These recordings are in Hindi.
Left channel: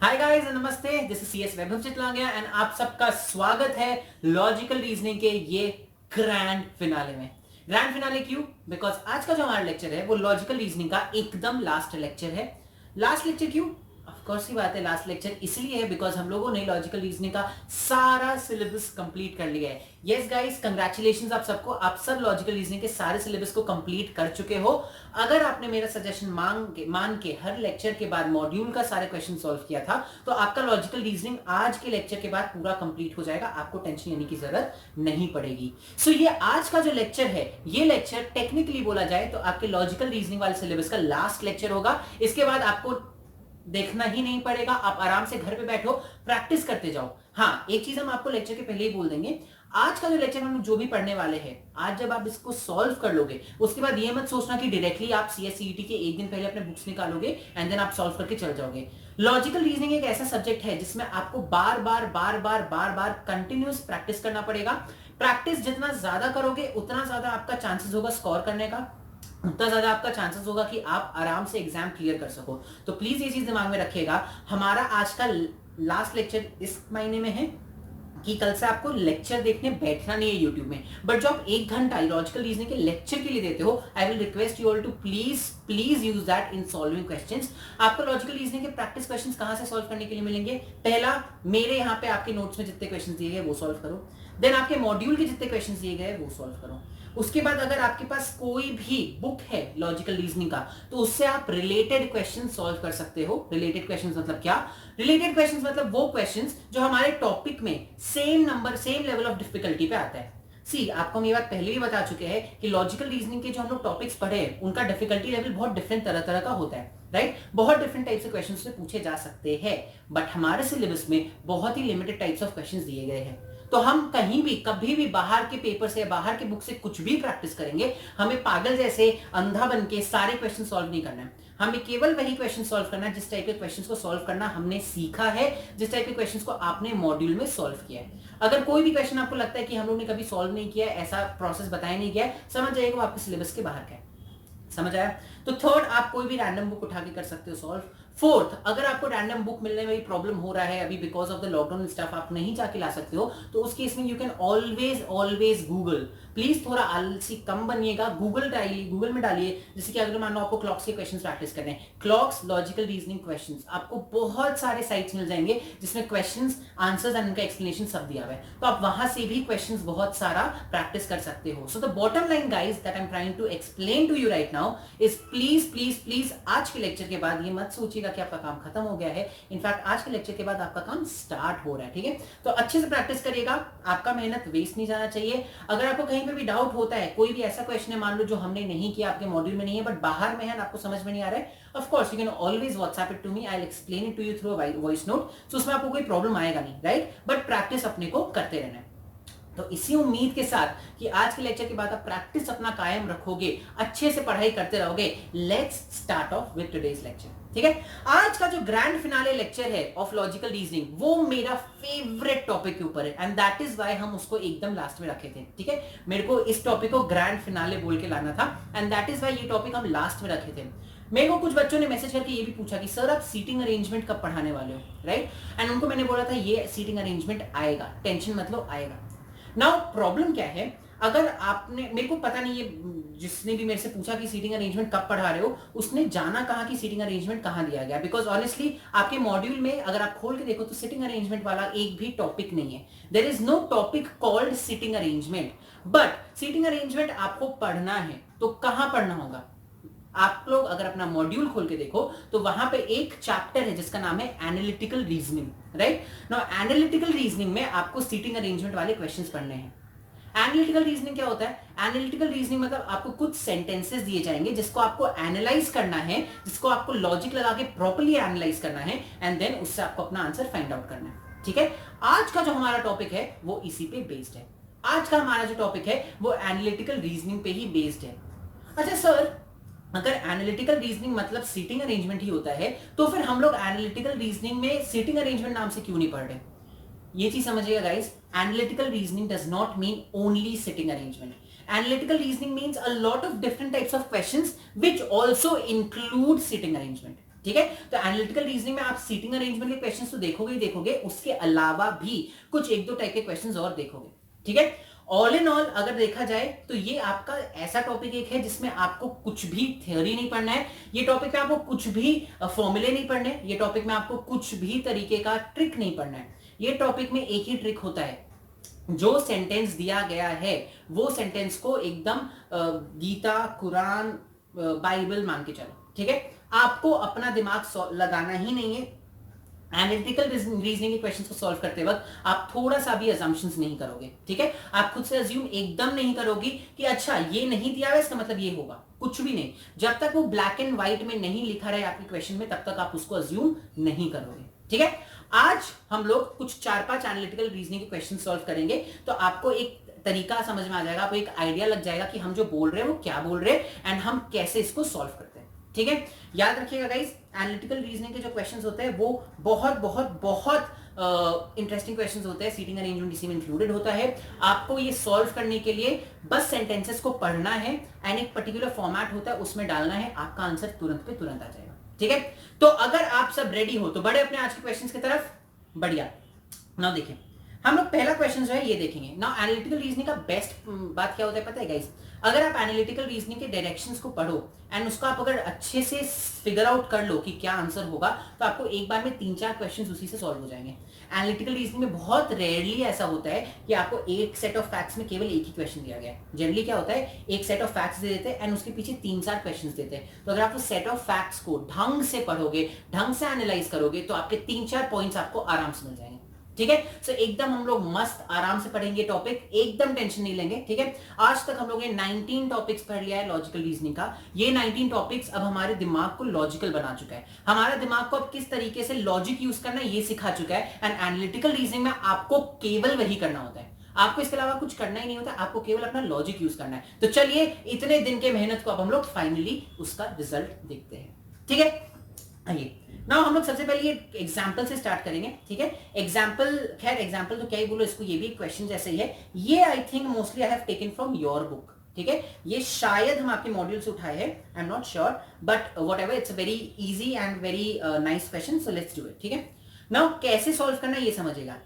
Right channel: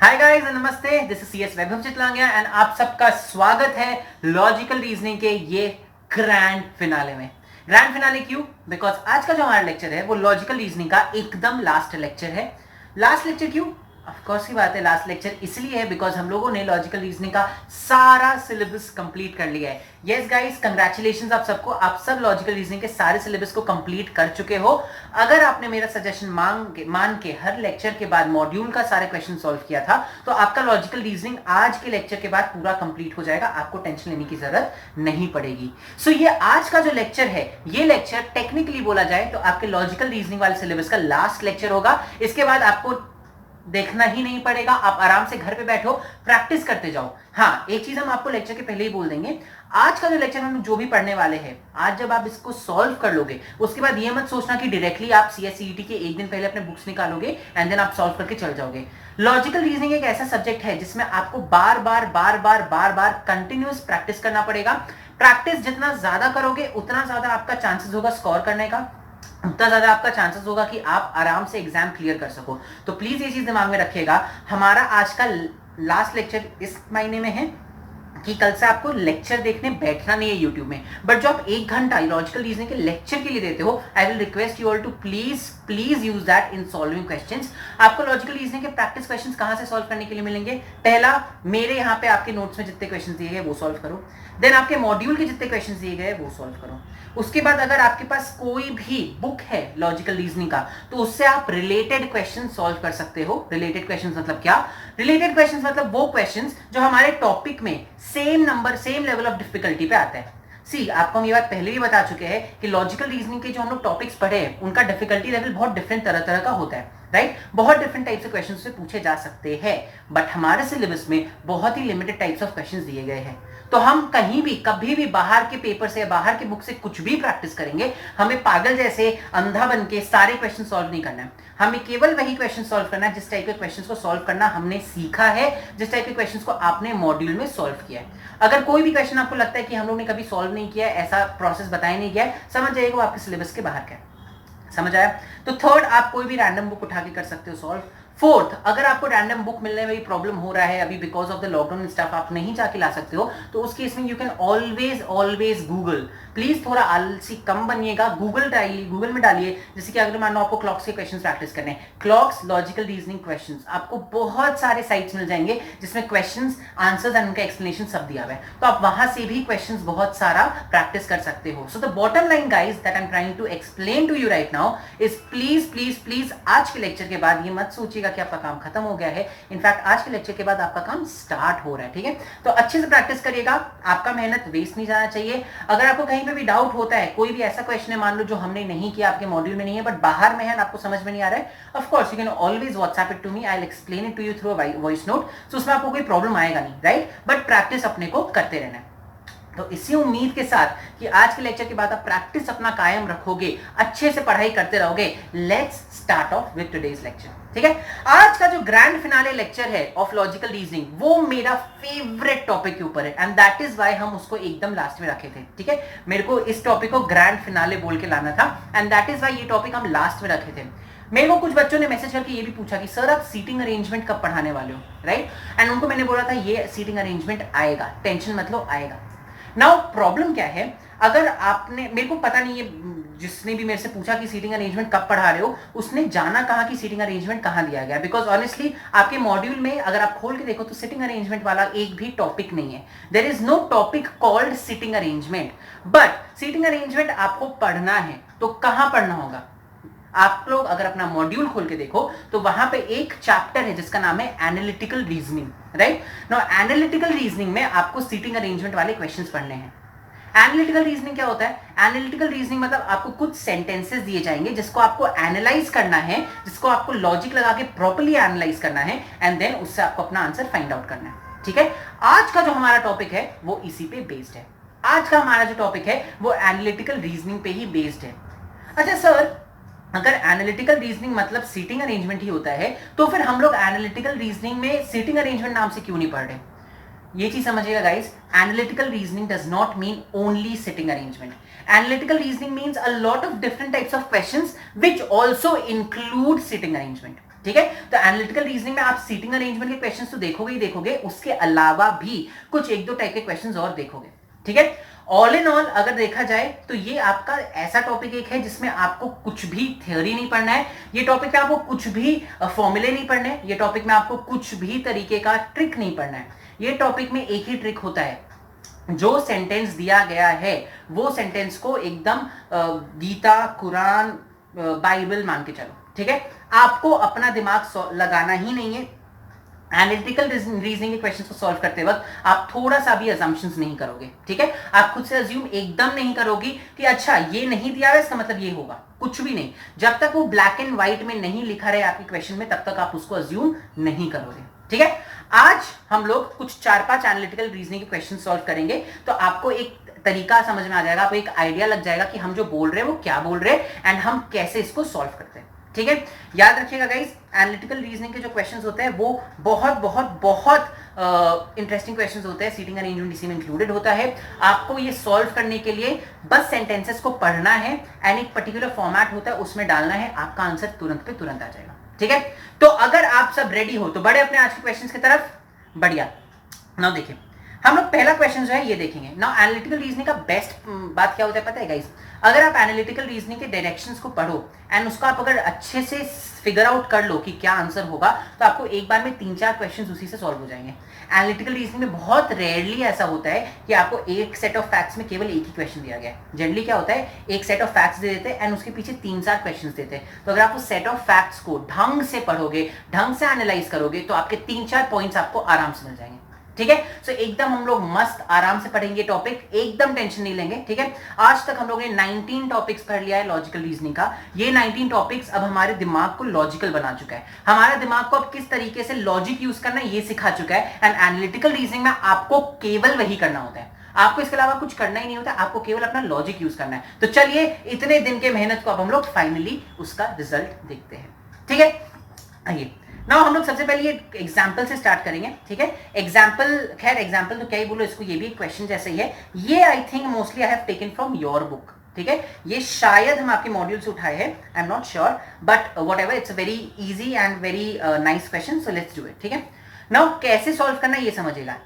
हाय गाइस नमस्ते, this is CS Vaibhav Chitlangia and आप सबका स्वागत है लॉजिकल रीजनिंग के ये ग्रैंड फिनाले में। ग्रैंड फिनाले क्यों? बिकॉज आज का जो हमारा लेक्चर है वो लॉजिकल रीजनिंग का एकदम लास्ट लेक्चर है। लास्ट लेक्चर क्यों? ऑफ कोर्स ही बात है, लास्ट लेक्चर इसलिए है बिकॉज हम लोगों ने लॉजिकल रीजनिंग का सारा सिलेबस कंप्लीट कर लिया है। यस गाइस, कंग्रेचुलेशंस आप सबको, आप सब लॉजिकल रीजनिंग के सारे सिलेबस को कंप्लीट कर चुके हो। अगर आपने मेरा सजेशन मान के हर लेक्चर के बाद मॉड्यूल का सारे क्वेश्चन सॉल्व किया था तो आपका लॉजिकल रीजनिंग आज के लेक्चर के बाद पूरा कंप्लीट हो जाएगा, आपको टेंशन लेने की जरूरत नहीं पड़ेगी। सो ये आज का जो लेक्चर है, ये लेक्चर टेक्निकली बोला जाए तो आपके लॉजिकल रीजनिंग वाले सिलेबस का लास्ट लेक्चर होगा। इसके बाद आपको देखना ही नहीं पड़ेगा, आप आराम से घर पे बैठो, प्रैक्टिस करते जाओ। हाँ, एक चीज हम आपको लेक्चर के पहले ही बोल देंगे, आज का जो लेक्चर हम जो भी पढ़ने वाले हैं, आज जब आप इसको सॉल्व कर लोगे उसके बाद ये मत सोचना कि डायरेक्टली आप सीएससीईटी के एक दिन पहले अपने बुक्स निकालोगे एंड देन आप सॉल्व करके चल जाओगे। लॉजिकल रीजनिंग एक ऐसा सब्जेक्ट है जिसमें आपको बार बार कंटिन्यूअस प्रैक्टिस करना पड़ेगा। प्रैक्टिस जितना ज्यादा करोगे उतना ज्यादा आपका चांसेस होगा स्कोर करने का, उतना ज्यादा आपका चांसेस होगा कि आप आराम से एग्जाम क्लियर कर सको। तो प्लीज ये चीज दिमाग में रखिएगा, हमारा आज का लास्ट लेक्चर इस महीने में है कि कल से आपको लेक्चर देखने बैठना नहीं है यूट्यूब में, बट जो आप 1 घंटा लॉजिकल रीजनिंग के लेक्चर के लिए देते हो, I will request you all to please use that in solving questions. आपको लॉजिकल रीजनिंग के प्रैक्टिस क्वेश्चंस कहां से सॉल्व करने के लिए मिलेंगे? पहला, मेरे यहाँ पे आपके नोट्स में जितने क्वेश्चंस दिए गए वो सॉल्व करो। देन आपके मॉड्यूल के जितने क्वेश्चंस दिए गए वो सॉल्व करो। उसके बाद अगर आपके पास कोई भी बुक है लॉजिकल रीजनिंग का तो उससे आप रिलेटेड क्वेश्चन सॉल्व कर सकते हो। रिलेटेड क्वेश्चंस मतलब क्या? रिलेटेड क्वेश्चंस मतलब वो क्वेश्चंस जो हमारे टॉपिक में same number same level of difficulty पे आता है। सी, आपको हम ये बात पहले भी बता चुके हैं कि लॉजिकल रीजनिंग के जो हम लोग टॉपिक्स पढ़े हैं उनका डिफिकल्टी लेवल बहुत डिफरेंट तरह तरह का होता है, राइट? बहुत डिफरेंट टाइप से क्वेश्चन से पूछे जा सकते हैं, बट हमारे सिलेबस में बहुत ही लिमिटेड टाइप्स ऑफ क्वेश्चन दिए गए हैं। तो हम कहीं भी कभी भी बाहर के पेपर से बाहर के बुक से कुछ भी प्रैक्टिस करेंगे, हमें पागल जैसे अंधा बन के सारे क्वेश्चन सॉल्व नहीं करना है। हमें केवल वही क्वेश्चन सॉल्व करना है जिस टाइप के क्वेश्चंस को सॉल्व करना हमने सीखा है, जिस टाइप के क्वेश्चंस को आपने मॉड्यूल में सॉल्व किया है। अगर कोई भी क्वेश्चन आपको लगता है कि हम लोग ने कभी सॉल्व नहीं किया है, ऐसा प्रोसेस बताया नहीं गया है, समझ जाइएगा वो आपके सिलेबस के बाहर का है। समझ आया? तो थर्ड, आप कोई भी रैंडम बुक उठा के कर सकते हो सॉल्व। फोर्थ, अगर आपको रैंडम बुक मिलने में प्रॉब्लम हो रहा है अभी because of the lockdown stuff, आप नहीं जाके ला सकते हो, तो उस केस में you can always Google. Please थोड़ा आलसी कम बनिएगा, गूगल में डालिए। जैसे कि अगर मान लो आपको क्लॉक्स के क्वेश्चंस प्रैक्टिस करने हैं, क्लॉक्स लॉजिकल रीजनिंग क्वेश्चंस, आपको बहुत सारे साइट्स मिल जाएंगे जिसमें क्वेश्चंस, आंसर्स एंड उनका एक्सप्लेनेशन सब दिया हुआ है, तो आप वहां से भी क्वेश्चंस बहुत सारा प्रैक्टिस कर सकते हो। So the bottom line guys that I am trying to explain to you right now is please आज के लेक्चर के बाद ये मत सोचिएगा कि आपका काम खत्म हो गया है। इनफैक्ट आज के लेक्चर के बाद आपका काम स्टार्ट हो रहा है, ठीक है? तो अच्छे से प्रैक्टिस करिएगा, आपका मेहनत वेस्ट नहीं जाना चाहिए। अगर आपको कहीं पे भी डाउट होता है, कोई भी ऐसा क्वेश्चन है मान लो जो हमने नहीं किया, आपके मॉड्यूल में नहीं है बट बाहर में है, आपको समझ में नहीं आ रहा है, of course you can always WhatsApp it to me, I will explain it to you through voice note. So उसमें आपको कोई प्रॉब्लम आएगा नहीं, राइट? बट प्रैक्टिस अपने को करते रहना है। तो इसी उम्मीद के साथ कि आज के लेक्चर के बाद आप प्रैक्टिस अपना कायम रखोगे, अच्छे से पढ़ाई करते रहोगे, let's start of with today's lecture, ठीक है? आज का जो ग्रैंड फिनाले लेक्चर है ऑफ लॉजिकल रीजनिंग, वो मेरा फेवरेट टॉपिक के ऊपर है एंड दैट इज व्हाई हम उसको एकदम लास्ट में रखे थे, ठीक है? मेरे को इस टॉपिक को ग्रैंड फिनाले बोल के लाना था एंड दैट इज व्हाई ये टॉपिक हम लास्ट में रखे थे। मेरे को कुछ बच्चों ने मैसेज करके ये भी पूछा कि सर आप सीटिंग अरेंजमेंट कब पढ़ाने वाले हो, राइट? एंड उनको मैंने बोला था ये सीटिंग अरेंजमेंट आएगा, टेंशन मत लो, आएगा। नाउ प्रॉब्लम क्या है, अगर आपने, मेरे को पता नहीं है जिसने भी मेरे से पूछा कि सीटिंग अरेंजमेंट कब पढ़ा रहे हो, उसने जाना कहां कि सीटिंग अरेंजमेंट कहां दिया गया, बिकॉज ऑनेस्टली आपके मॉड्यूल में अगर आप खोल के देखो तो सीटिंग अरेंजमेंट वाला एक भी टॉपिक नहीं है। There is no topic called seating arrangement, but seating arrangement आपको पढ़ना है तो कहां पढ़ना होगा? आप लोग अगर अपना मॉड्यूल खोल के देखो तो वहां पे एक चैप्टर है जिसका नाम है analytical reasoning, right? Now analytical reasoning में आपको सीटिंग अरेंजमेंट वाले क्वेश्चंस पढ़ने हैं। एनालिटिकल रीजनिंग क्या होता है? एनालिटिकल रीजनिंग मतलब आपको कुछ सेंटेंसेस दिए जाएंगे जिसको आपको एनालाइज करना है, जिसको आपको लॉजिक लगा के प्रॉपर्ली एनालाइज करना है एंड देन उससे आपको अपना आंसर फाइंड आउट करना है, ठीक है? आज का जो हमारा टॉपिक है वो इसी पे बेस्ड है। आज का हमारा जो टॉपिक है वो एनालिटिकल रीजनिंग पे ही बेस्ड है। अच्छा सर, अगर एनालिटिकल रीजनिंग मतलब सीटिंग अरेंजमेंट ही होता है तो फिर हम लोग एनालिटिकल रीजनिंग में सीटिंग अरेंजमेंट नाम से क्यों नहीं पढ़ रहे? ये चीज समझिएगा guys, analytical reasoning does not mean only sitting arrangement. Analytical reasoning means a lot of different types of questions which also include sitting arrangement. ठीक है। तो एनालिटिकल रीजनिंग में आप सीटिंग अरेंजमेंट के क्वेश्चंस तो देखोगे ही देखोगे, उसके अलावा भी कुछ एक दो टाइप के क्वेश्चंस और देखोगे, ठीक है। ऑल इन ऑल अगर देखा जाए तो ये आपका ऐसा टॉपिक एक है जिसमें आपको कुछ भी थ्योरी नहीं पढ़ना है, ये टॉपिक में आपको कुछ भी फॉर्मूले नहीं पढ़ने, ये टॉपिक में आपको कुछ भी तरीके का ट्रिक नहीं पढ़ना है। ये टॉपिक में एक ही ट्रिक होता है, जो सेंटेंस दिया गया है वो सेंटेंस को एकदम गीता, कुरान, बाइबल मान के चलो, ठीक है। आपको अपना दिमाग लगाना ही नहीं है। एनालिटिकल रीजनिंग के क्वेश्चंस को सॉल्व करते वक्त आप थोड़ा सा भी अजम्पशंस नहीं करोगे, ठीक है। आप खुद से अज्यूम एकदम नहीं करोगे कि अच्छा ये नहीं दिया है इसका मतलब ये होगा, कुछ भी नहीं। जब तक वो ब्लैक एंड व्हाइट में नहीं लिखा रहे आपके क्वेश्चन में, तब तक आप उसको अज्यूम नहीं करोगे, ठीक है। आज हम लोग कुछ 4-5 एनालिटिकल रीजनिंग के क्वेश्चन सॉल्व करेंगे, तो आपको एक तरीका समझ में आ जाएगा, आपको एक आइडिया लग जाएगा कि हम जो बोल रहे हैं वो क्या बोल रहे हैं एंड हम कैसे इसको सॉल्व करते हैं, ठीक है। याद रखिएगा गाइस, एनालिटिकल रीजनिंग के जो क्वेश्चंस होते हैं वो बहुत बहुत बहुत इंटरेस्टिंग क्वेश्चंस होते हैं, सीटिंग अरेंजमेंट इसी में इंक्लूडेड होता है। आपको ये सॉल्व करने के लिए बस सेंटेंसेस को पढ़ना है एंड एक पर्टिकुलर फॉर्मेट होता है उसमें डालना है, आपका आंसर तुरंत पे तुरंत आ जाएगा, ठीक है। तो अगर आप सब रेडी हो तो बढ़े अपने आज के क्वेश्चंस की तरफ। बढ़िया। नाउ देखिए, हम लोग पहला क्वेश्चन जो है ये देखेंगे। नाउ एनालिटिकल रीजनिंग का बेस्ट बात क्या होता है पता है गाइस, अगर आप एनालिटिकल रीजनिंग के डायरेक्शंस को पढ़ो एंड उसको आप अगर अच्छे से फिगर आउट कर लो कि क्या आंसर होगा, तो आपको एक बार में 3-4 क्वेश्चंस उसी से सॉल्व हो जाएंगे। एनालिटिकल रीजनिंग में बहुत रेयरली ऐसा होता है कि आपको एक सेट ऑफ फैक्ट्स में केवल एक ही क्वेश्चन दिया गया है। जनरली क्या होता है, एक सेट ऑफ फैक्ट्स दे देते हैं एंड उसके पीछे 3-4 क्वेश्चंस देते हैं। तो अगर आप उस सेट ऑफ फैक्ट्स को ढंग से पढ़ोगे, ढंग से एनालाइज करोगे, तो आपके 3-4 पॉइंट्स आपको आराम से मिल जाएंगे, ठीक है। सो एकदम हम लोग मस्त आराम से पढ़ेंगे टॉपिक, एकदम टेंशन नहीं लेंगे, ठीक है। आज तक हम लोगों ने 19 टॉपिक्स पढ़ लिया है लॉजिकल रीजनिंग का। ये 19 टॉपिक्स अब हमारे दिमाग को लॉजिकल बना चुका है, हमारे दिमाग को अब किस तरीके से लॉजिक यूज करना है ये सिखा चुका है। एंड एनालिटिकल रीजनिंग में आपको केवल वही करना होता है, आपको इसके अलावा कुछ करना ही नहीं होता, आपको केवल अपना लॉजिक यूज करना है। तो चलिए, इतने दिन के मेहनत को अब हम लोग फाइनली उसका रिजल्ट देखते हैं, ठीक है। आइए नाउ हम लोग सबसे पहले ये एग्जाम्पल से स्टार्ट करेंगे, ठीक है। एग्जाम्पल, खैर एग्जाम्पल तो क्या ही बोलो इसको, ये भी एक क्वेश्चन जैसे ही है। ये I think mostly I have taken from your book, ठीक है। ये शायद हम आपके मॉड्यूल से उठाए हैं, आई am not sure, but what ever, it's very easy and very nice question, so let's do it, ठीक है। नाउ कैसे सॉल्व करना ये समझिएगा।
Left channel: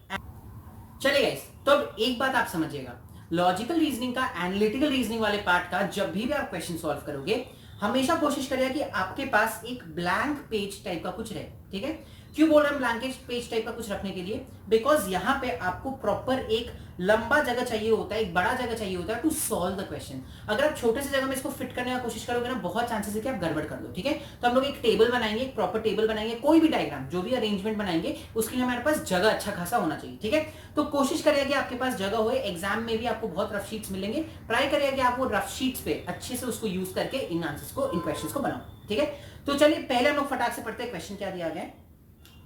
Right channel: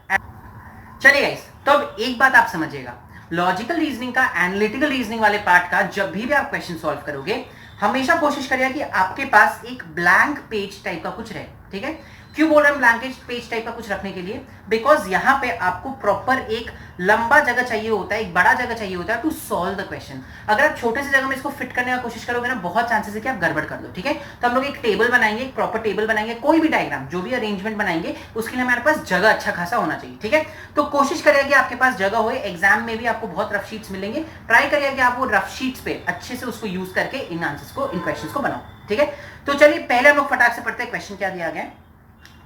चलिए गाइस, तो अब एक बात आप समझिएगा, लॉजिकल रीजनिंग का, एनालिटिकल रीजनिंग वाले पार्ट का जब भी आप क्वेश्चन सॉल्व करोगे, हमेशा कोशिश करिए कि आपके पास एक ब्लैंक पेज टाइप का कुछ रहे, ठीक है। क्यों बोल रहे हैं ब्लैंक पेज टाइप का कुछ रखने के लिए, बिकॉज यहां पे आपको प्रॉपर एक लंबा जगह चाहिए होता है, एक बड़ा जगह चाहिए होता है टू सॉल्व द क्वेश्चन। अगर आप छोटे से जगह में इसको फिट करने का कोशिश करोगे ना, बहुत चांसेस है कि आप गड़बड़ कर दो, ठीक है। तो हम लोग एक टेबल बनाएंगे, एक प्रॉपर टेबल बनाएंगे, कोई भी डायग्राम, जो भी अरेंजमेंट बनाएंगे उसके लिए हमारे पास जगह अच्छा खासा होना चाहिए, ठीक है। तो कोशिश करिए कि आपके पास जगह हो। एग्जाम में भी आपको बहुत रफ शीट्स मिलेंगे, ट्राई करिए कि आप वो रफ शीट्स पे अच्छे से उसको यूज करके इन आंसर्स को, इन क्वेश्चंस को बनाओ, ठीक है। तो चलिए पहले हम लोग फटाक से पढ़ते हैं क्वेश्चन क्या दिया गया है।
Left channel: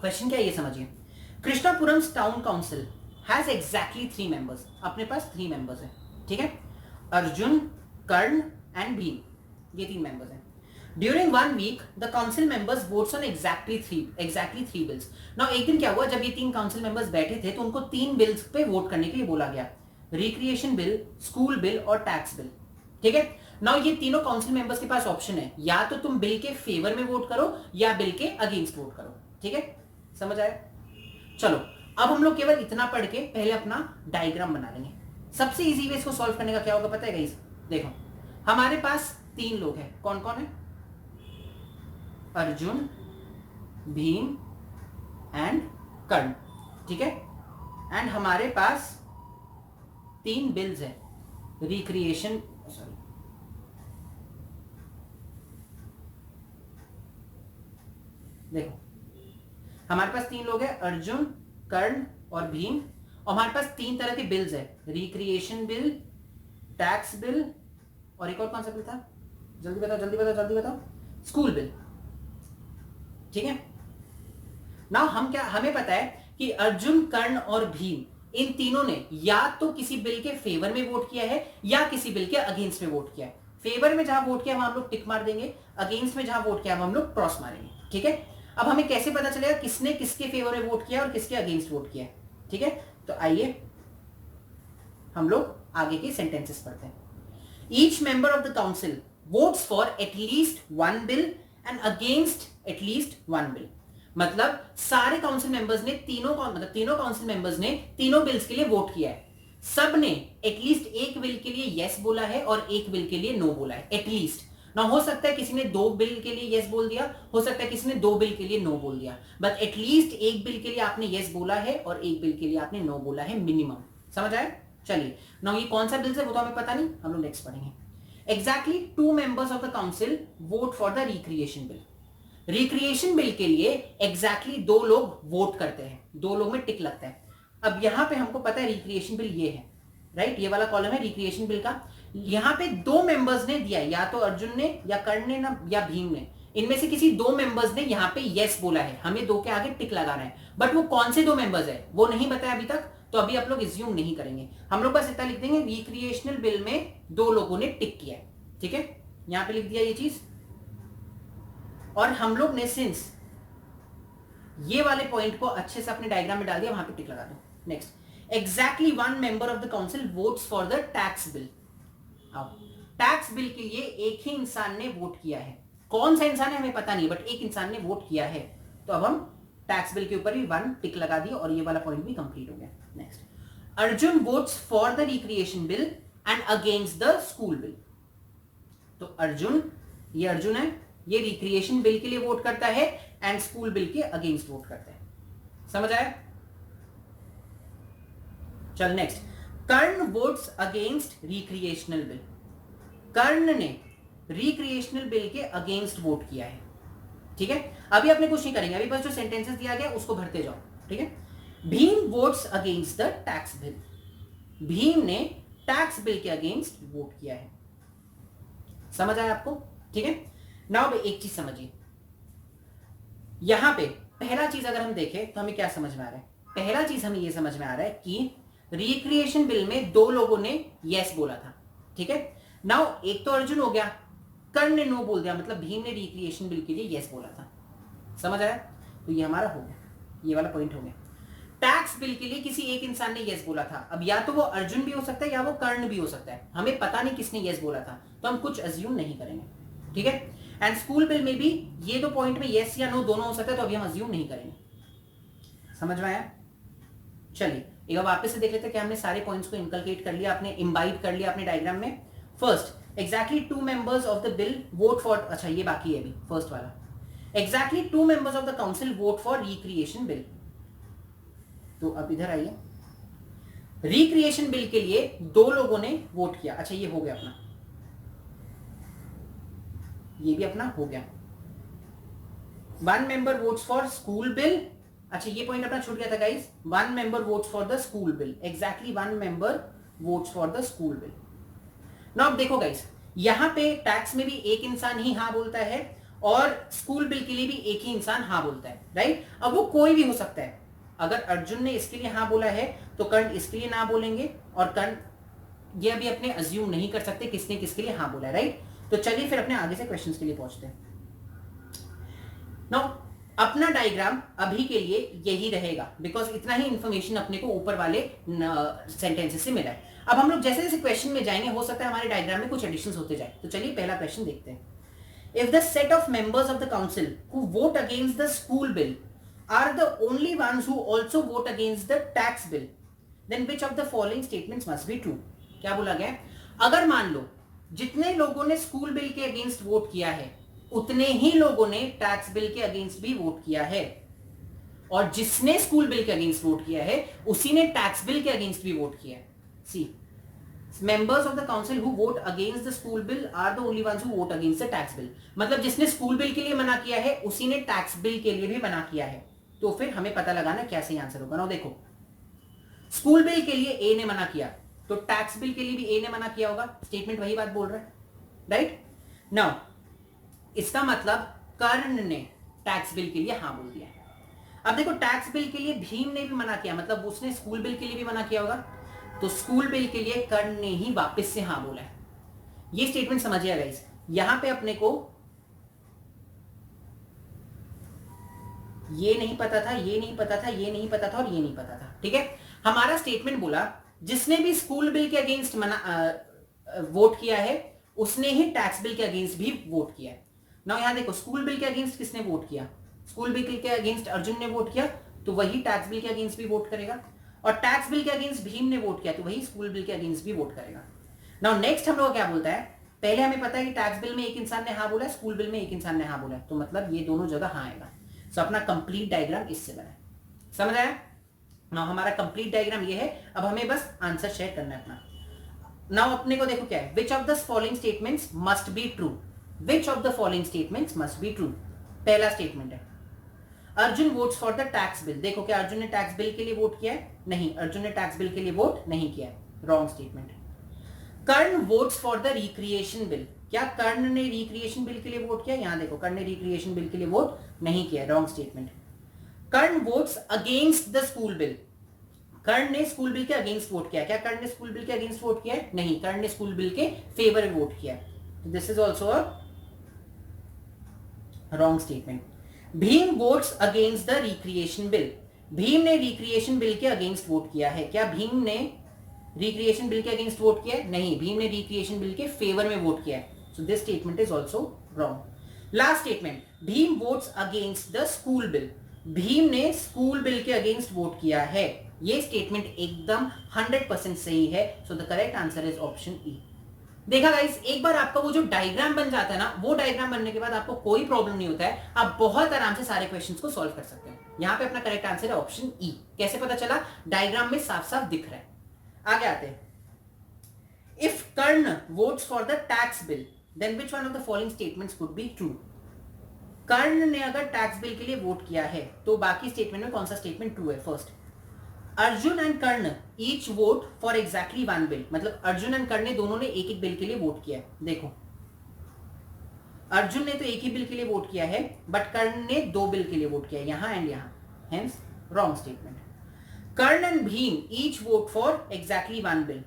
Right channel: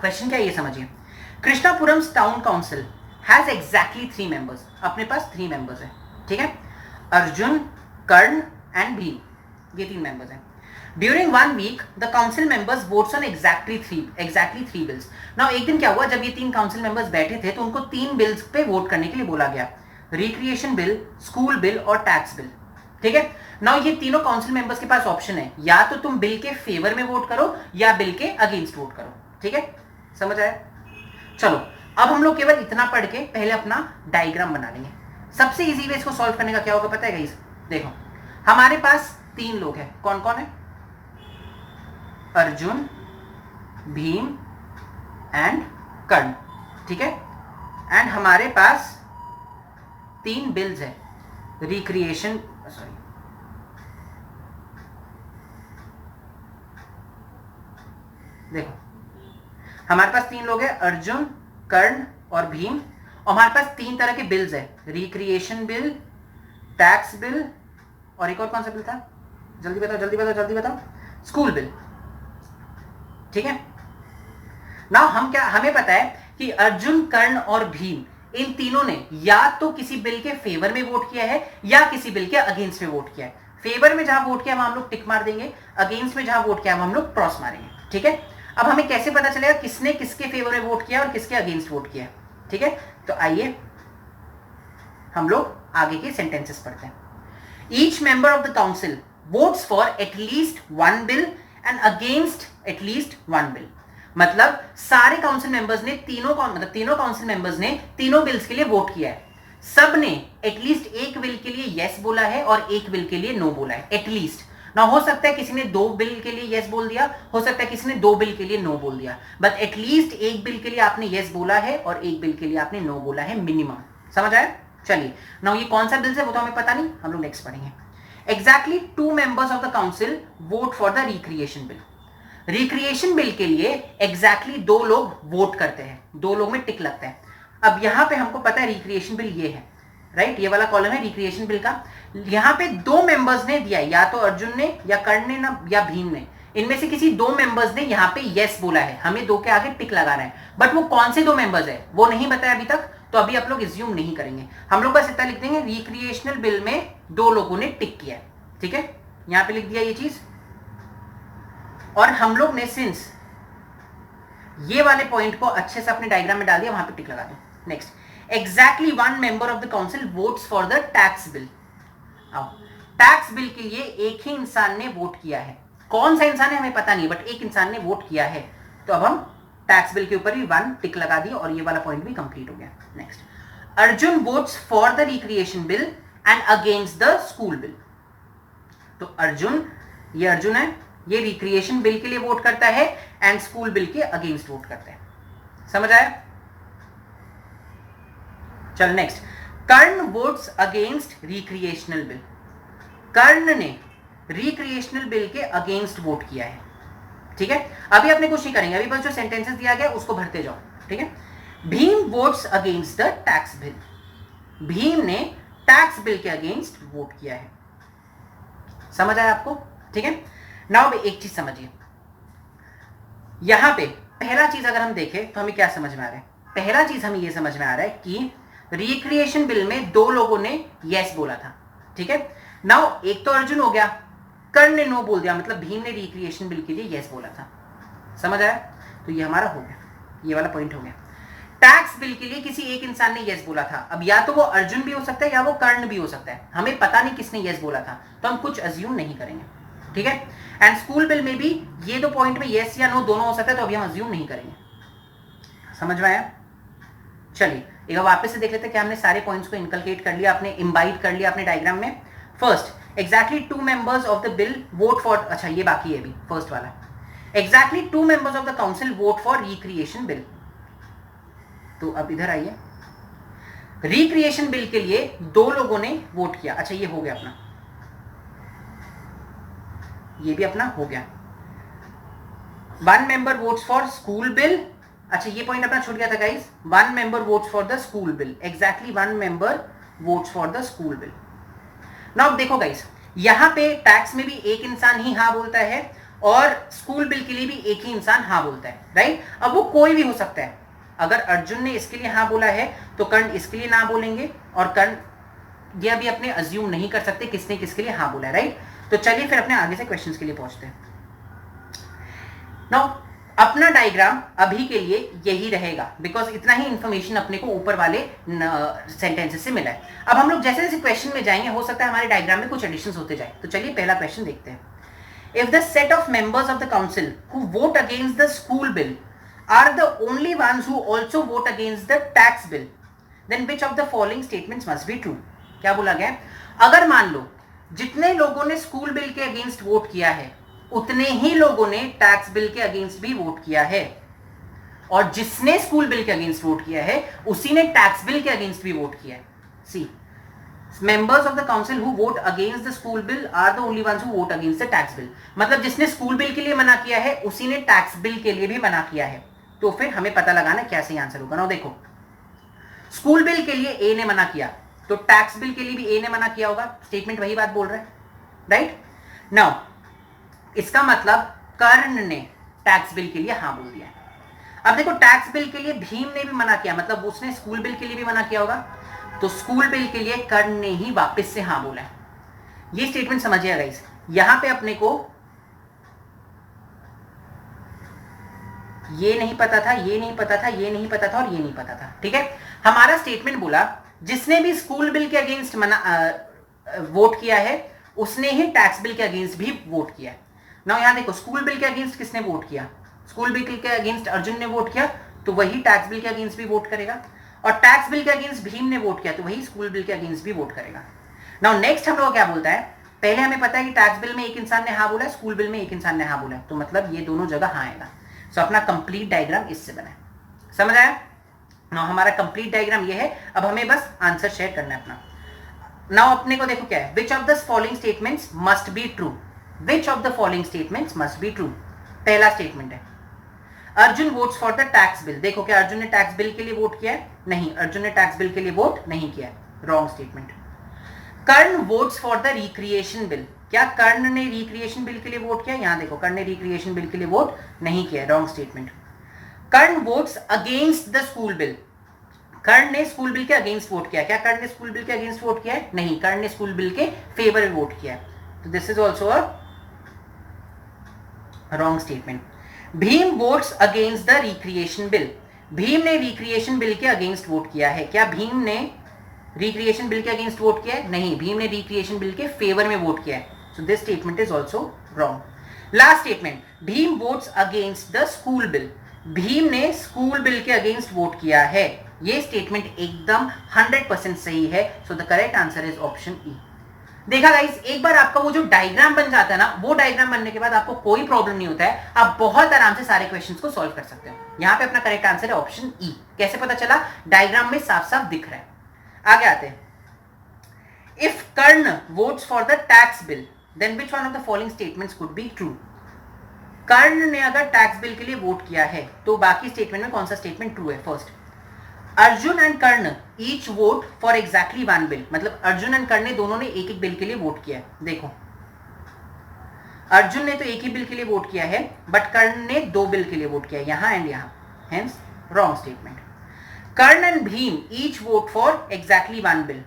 क्वेश्चन क्या है ये समझिए। Krishnapuram town council has exactly 3 members, अपने पास 3 मेंबर्स हैं, ठीक है। अर्जुन, कर्ण एंड भीम, ये 3 मेंबर्स हैं। During 1 week the council members votes on exactly three bills. Now एक दिन क्या हुआ, जब ये 3 काउंसिल मेंबर्स बैठे थे तो उनको 3 बिल्स पे वोट करने के लिए बोला गया, रिक्रिएशन बिल, स्कूल बिल और टैक्स बिल, ठीक है। नाउ ये तीनों काउंसिल मेंबर्स के पास ऑप्शन है, या तो तुम बिल के फेवर में वोट करो या बिल के अगेंस्ट वोट करो, ठीक है। समझ आया? चलो अब हम लोग केवल इतना पढ़ के पहले अपना डायग्राम बना लेंगे। सबसे इजी वे इसको सॉल्व करने का क्या होगा पता है गाइस, देखो हमारे पास 3 लोग हैं, कौन कौन है, अर्जुन, भीम एंड कर्ण, ठीक है। एंड हमारे पास 3 बिल्स है, रिक्रिएशन, सॉरी देखो हमारे पास 3 लोग हैं, अर्जुन, कर्ण और भीम, और हमारे पास 3 तरह के बिल्स है, रिक्रिएशन बिल, टैक्स बिल और एक और कौन सा बिल था, जल्दी बताओ जल्दी बताओ जल्दी बताओ, स्कूल बिल, ठीक है। नाउ हमें पता है कि अर्जुन, कर्ण और भीम, इन तीनों ने या तो किसी बिल के फेवर में वोट किया है या किसी बिल के अगेंस्ट में वोट किया है। फेवर में जहां वोट किया वहां हम लोग टिक मार देंगे, अगेंस्ट में जहां वोट किया हम लोग क्रॉस मारेंगे, ठीक है। अब हमें कैसे पता चलेगा किसने किसके फेवर में वोट किया और किसके अगेंस्ट वोट किया, ठीक है। तो आइए हम लोग आगे के सेंटेंसेस पढ़ते हैं। Each member of the council votes for at least 1 bill and against at least one bill. मतलब सारे काउंसिल मेंबर्स ने तीनों काउंसिल मेंबर्स ने तीनों बिल्स के लिए वोट किया है। सब ने एटलीस्ट एक बिल के लिए यस बोला है और एक बिल के लिए नो बोला है, एटलीस्ट ना। हो सकता है किसी ने 2 बिल के लिए यस बोल दिया, हो सकता है किसी ने 2 बिल के लिए नो बोल दिया, बट एटलीस्ट एक बिल के लिए आपने यस बोला है और एक बिल के लिए आपने नो बोला है, मिनिमम। समझ आया? चलिए, नाउ ये कौन सा बिल है वो तो हमें पता नहीं, हम लोग नेक्स्ट पढ़ेंगे। Exactly 2 members of the council vote for the recreation bill. Recreation bill के लिए एग्जैक्टली 2 लोग वोट करते हैं, 2 लोग में टिक लगता है। अब यहां पे हमको पता है रिक्रिएशन बिल ये है, राइट? ये वाला कॉलम है रिक्रिएशन बिल का। यहां पे 2 मेंबर्स ने दिया, या तो अर्जुन ने या कर्ण ने ना या भीम ने, इनमें से किसी 2 मेंबर्स ने यहां पे यस बोला है, हमें 2 के आगे टिक लगाना है। बट वो कौन से 2 मेंबर्स है वो नहीं बताया अभी तक, तो अभी आप लोग एज्यूम नहीं करेंगे, हम लोग बस इतना लिख देंगे रिक्रिएशनल बिल में 2 लोगों ने टिक किया है, ठीक है? यहां पे लिख दिया ये चीज। और हम लोग ने सिंस ये वाले पॉइंट को अच्छे से अपने डायग्राम में डाल दिया, वहां पे टिक लगा दो। Next, exactly 1 member of the council votes for the tax bill. आओ, टैक्स बिल के लिए एक ही इंसान ने वोट किया है। कौन सा इंसान है हमें पता नहीं, बट एक इंसान ने वोट किया है, तो अब हम टैक्स बिल के ऊपर भी 1 टिक लगा दिए और ये वाला पॉइंट भी कंप्लीट हो गया। Next, Arjun votes for the recreation bill and against the school bill. तो अर्जुन, ये अर्जुन है, ये रिक्रिएशन बिल के लिए वोट करता है एंड स्कूल बिल के अगेंस्ट वोट करता है। समझ आया? चल next, Karan votes against recreational bill. Karan ने रिक्रिएशनल बिल के अगेंस्ट वोट किया है, ठीक है? अभी अपने कुछ नहीं करेंगे, अभी बस जो सेंटेंसेस दिया गया उसको भरते जाओ, ठीक है? Bhim votes against the tax bill. Bhim ने टैक्स बिल के अगेंस्ट वोट किया है। समझ आया आपको? ठीक है? नाउ एक चीज समझिए, यहां पे पहला चीज अगर हम देखें तो हमें क्या समझ में आ रहा है? पहला चीज हमें यह समझ में आ रहा है कि रिक्रिएशन बिल में 2 लोगों ने यस बोला था, ठीक है? नाउ एक तो अर्जुन हो गया, कर्ण ने नो बोल दिया, मतलब भीम ने रिक्रिएशन बिल के लिए यस बोला था। समझ आया? तो ये हमारा हो गया, ये वाला पॉइंट हो गया। टैक्स बिल के लिए किसी एक इंसान ने यस बोला था। अब या तो वो अर्जुन भी हो सकता है या वो कर्ण भी हो सकता है, हमें पता नहीं किसने यस बोला था, तो हम कुछ अज्यूम नहीं करेंगे, ठीक है? एंड स्कूल बिल में भी ये 2 पॉइंट में यस या नो दोनों हो सकता है, तो अभी हम अज्यूम नहीं करेंगे। समझ में आया? चलिए एक बार वापस से देख लेते हैं कि हमने सारे पॉइंट्स को इनकलकेट कर लिया, आपने इम्बाइब कर लिया अपने डायग्राम में। First, exactly 2 members of the bill vote for, अच्छा ये बाकी है अभी, फर्स्ट वाला। Exactly 2 members of the council vote for recreation bill. तो अब इधर आइए, रिक्रिएशन बिल के लिए 2 लोगों ने वोट किया। अच्छा ये हो गया अपना, ये भी अपना हो गया। 1 member votes for school bill. अच्छा ये पॉइंट अपना छूट गया था guys, 1 member votes for the school bill. Exactly 1 member votes for the school bill. Now देखो गाइस, यहां पे टैक्स में भी एक इंसान ही हाँ बोलता है और स्कूल बिल के लिए भी एक ही इंसान हाँ बोलता है, राइट? अब वो कोई भी हो सकता है। अगर अर्जुन ने इसके लिए हाँ बोला है तो कर्ण इसके लिए ना बोलेंगे, और कर्ण ये अभी अपने अज्यूम नहीं कर सकते किसने किसके लिए हाँ बोला है, राइट? तो चलिए फिर अपने आगे से क्वेश्चंस के लिए पहुंचते हैं। नाउ अपना डायग्राम अभी के लिए यही रहेगा, बिकॉज इतना ही इंफॉर्मेशन अपने को ऊपर वाले सेंटेंसेस से मिला है। अब हम लोग जैसे जैसे क्वेश्चन में जाएंगे, हो सकता है हमारे डायग्राम में कुछ एडिशंस होते जाए। तो चलिए पहला क्वेश्चन देखते हैं। If the set of members of the council who vote against the school bill are the only ones who also vote against the tax bill, then which of the following statements must be true? क्या बोला गया? अगर मान लो जितने लोगों ने स्कूल बिल के अगेंस्ट वोट किया है उतने ही लोगों ने टैक्स बिल के अगेंस्ट भी वोट किया है, और जिसने स्कूल बिल के अगेंस्ट वोट किया है उसी ने टैक्स बिल के अगेंस्ट भी वोट किया है। सी, members of the council who vote against the school bill are the only ones who vote against the tax bill। मतलब जिसने स्कूल बिल के लिए मना किया है उसी ने टैक्स बिल के लिए भी मना किया है। तो फिर हमें पता लगाना क्या सही आंसर होगा ना। देखो, स्कूल बिल के लिए ए ने मना किया तो टैक्स बिल के लिए भी ए ने मना किया होगा, स्टेटमेंट वही बात बोल रहा है, राइट? नाउ इसका मतलब कर्ण ने टैक्स बिल के लिए हाँ बोल दिया। अब देखो, टैक्स बिल के लिए भीम ने भी मना किया, मतलब उसने स्कूल बिल के लिए भी मना किया होगा, तो स्कूल बिल के लिए कर्ण ने ही वापस से हाँ बोला है। ये स्टेटमेंट समझिएगा गाइस, यहां पे अपने को ये नहीं पता था, ये नहीं पता था, ये नहीं पता था और ये नहीं पता था, ठीक है? हमारा स्टेटमेंट बोला जिसने भी स्कूल बिल के अगेंस्ट वोट किया है उसने ही टैक्स बिल के अगेंस्ट भी वोट किया है। नाउ यहां देखो स्कूल बिल के अगेंस्ट किसने वोट किया, स्कूल बिल के अगेंस्ट अर्जुन ने वोट किया, तो वही टैक्स बिल के अगेंस्ट भी वोट करेगा, और टैक्स बिल के अगेंस्ट भीम ने वोट किया तो वही स्कूल बिल के अगेंस्ट भी वोट करेगा। नाउ नेक्स्ट हम लोग क्या बोलता है, पहले हमें पता है कि टैक्स बिल में एक इंसान ने हाँ बोला, स्कूल बिल में एक इंसान ने हाँ बोला, तो मतलब ये दोनों जगह हाँ आएगा। सो अपना कंप्लीट डायग्राम इससे बना है, समझ आया। नाउ हमारा कंप्लीट डायग्राम ये है, अब हमें बस आंसर शेयर करना है अपना। नाउ अपने को देखो क्या है, विच of the following statements must be true, which of the following statements must be true. पहला स्टेटमेंट है Arjun votes for the tax bill, देखो क्या अर्जुन ने टैक्स बिल के लिए वोट किया है, नहीं अर्जुन ने टैक्स बिल के लिए वोट नहीं किया है, wrong statement. Karna votes for the recreation bill, क्या कर्ण ने रिक्रिएशन बिल के लिए वोट किया, यहां देखो कर्ण ने रिक्रिएशन बिल के लिए वोट नहीं किया, wrong statement. Karna votes against the school bill, Karan ने स्कूल बिल के अगेंस्ट वोट किया, क्या कर्ण ने स्कूल बिल के अगेंस्ट वोट किया है, नहीं कर्ण ने स्कूल बिल के फेवर में वोट किया, तो this is also a wrong statement. Bhim votes against the recreation bill, Bhim ने रिक्रिएशन बिल के अगेंस्ट वोट किया है, क्या भीम ने रिक्रिएशन बिल के अगेंस्ट वोट किया है, नहीं भीम ने रिक्रिएशन बिल के फेवर में वोट किया है, so this statement is also wrong. Last statement, Bhim votes against the school bill, Bhim ने स्कूल बिल के अगेंस्ट वोट किया है, ये स्टेटमेंट एकदम 100% सही है, so the correct answer is option E. देखा गाइस, एक बार आपका वो जो डायग्राम बन जाता है ना, वो डायग्राम बनने के बाद आपको कोई प्रॉब्लम नहीं होता है, आप बहुत आराम से सारे क्वेश्चंस को सॉल्व कर सकते हैं। यहां पे अपना करेक्ट आंसर है ऑप्शन ई। कैसे पता चला, डायग्राम में साफ साफ दिख रहा है। आगे आते हैं, if Karan votes for the tax bill then which one of the following statements could be true. Karan ने अगर टैक्स बिल के लिए वोट किया है तो बाकी स्टेटमेंट में कौन सा स्टेटमेंट ट्रू है। First, Arjun and Karna each vote for exactly one bill, मतलब अर्जुन एंड कर्ण ने दोनों ने एक एक बिल के लिए वोट किया है। देखो अर्जुन ने तो एक ही बिल के लिए वोट किया है, बट कर्ण ने दो बिल के लिए वोट किया है, यहां एंड यहां, hence wrong statement. Karna and Bhim each vote for exactly one bill,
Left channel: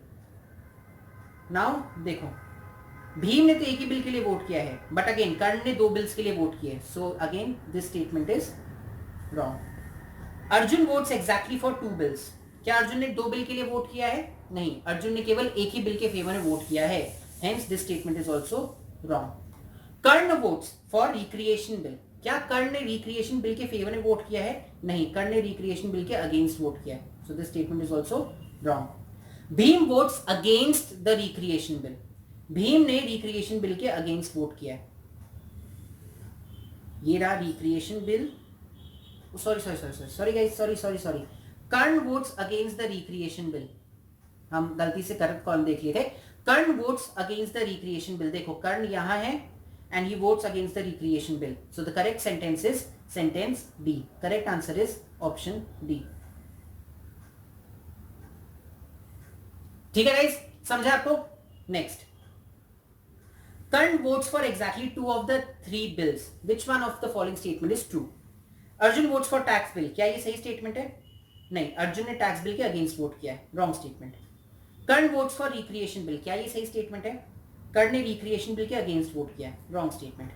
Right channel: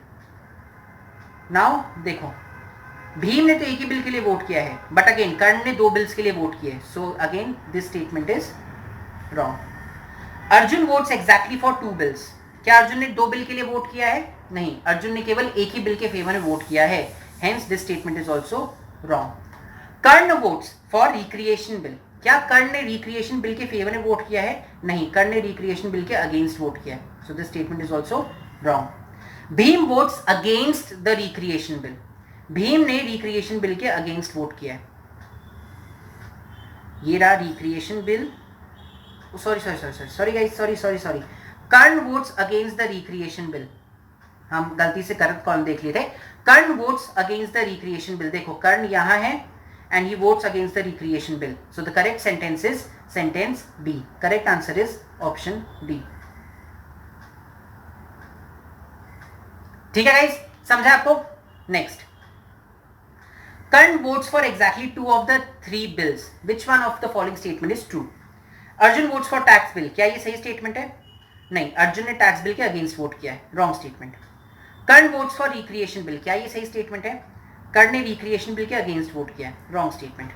now देखो भीम ने तो एक ही बिल के लिए वोट किया है, बट अगेन कर्ण ने दो बिल्स के लिए वोट किए, so again this statement is wrong. Arjun votes exactly for two bills, क्या अर्जुन ने दो बिल के लिए वोट किया है, नहीं अर्जुन ने केवल एक ही बिल के फेवर में वोट किया है, hence this statement is also wrong. Karna votes for recreation bill, क्या कर्ण ने रिक्रिएशन बिल के फेवर में वोट किया है, नहीं कर्ण ने रिक्रिएशन बिल के अगेंस्ट वोट किया है, so this statement is also wrong. Bhim votes against the recreation bill, Bhim ने रिक्रिएशन बिल के अगेंस्ट वोट किया है, ये रहा recreation bill, sorry guys, sorry Karan votes against the recreation bill, हम गलती से करेक्ट कॉलम देख लिए थे। Karan votes against the recreation bill, देखो कर्ण यहां है and he votes against the recreation bill, so the correct sentence is sentence D, correct answer is option D. ठीक है गाइस, समझा आपको। Next, Karan votes for exactly two of the three bills, which one of the following statement is true. Arjun votes for tax bill, क्या ये सही स्टेटमेंट है, नहीं अर्जुन ने टैक्स बिल के अगेंस्ट वोट किया है, wrong statement. Karna votes for recreation bill, क्या ये सही स्टेटमेंट है, कर्ण ने रिक्रिएशन बिल के अगेंस्ट वोट किया है, wrong statement.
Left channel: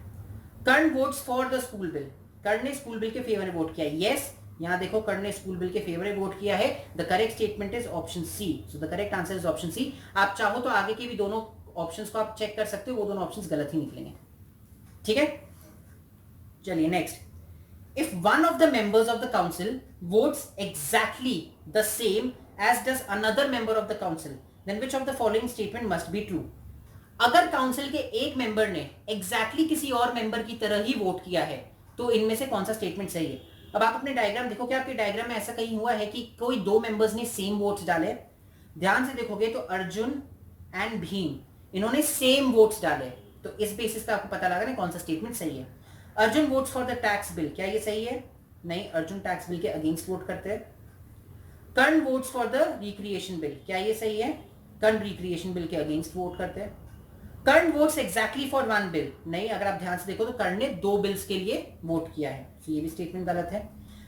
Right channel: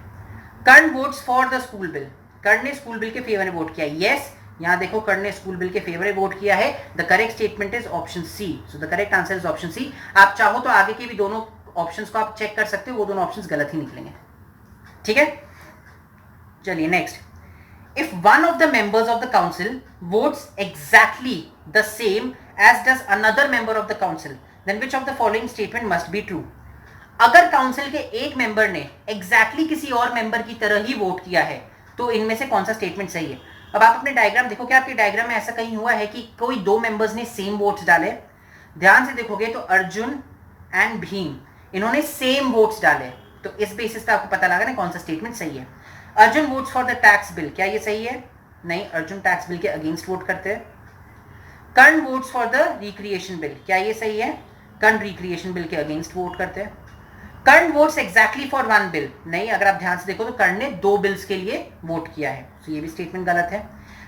Karna votes for the school bill, Karan ने स्कूल बिल के फेवर में वोट किया है, यस यहां देखो कर्ण ने स्कूल बिल के फेवर में वोट किया है, the correct statement is option C, so the correct answer is option C. आप चाहो तो आगे के भी दोनों ऑप्शंस को आप चेक कर सकते हो, वो दोनों ऑप्शंस गलत ही निकलेंगे। ठीक है, चलिए next, if one of the members of the council votes exactly the same as does another member of the council, then which of the following statement must be true। अगर काउंसिल के एक मेंबर ने exactly किसी और मेंबर की तरह ही वोट किया है तो इनमें से कौन सा स्टेटमेंट सही है। अब आप अपने डायग्राम देखो, क्या आपके डायग्राम में ऐसा कहीं हुआ है कि कोई दो मेंबर्स ने सेम वोट्स डाले, ध्यान से देखोगे तो अर्जुन एंड भीम इन्होंने सेम वोट्स डाले, तो इस बेसिस पे आपको पता लगा ना कौन सा स्टेटमेंट सही है। Arjun votes for the tax bill, क्या ये सही है, नहीं अर्जुन टैक्स बिल के अगेंस्ट वोट करते हैं। Karan votes for the recreation bill, क्या ये सही है, कर्ण रिक्रिएशन बिल के अगेंस्ट वोट करते हैं। Karan votes exactly for one bill, नहीं अगर आप ध्यान से देखो तो कर्ण ने दो बिल्स के लिए वोट किया है, तो ये भी स्टेटमेंट गलत है।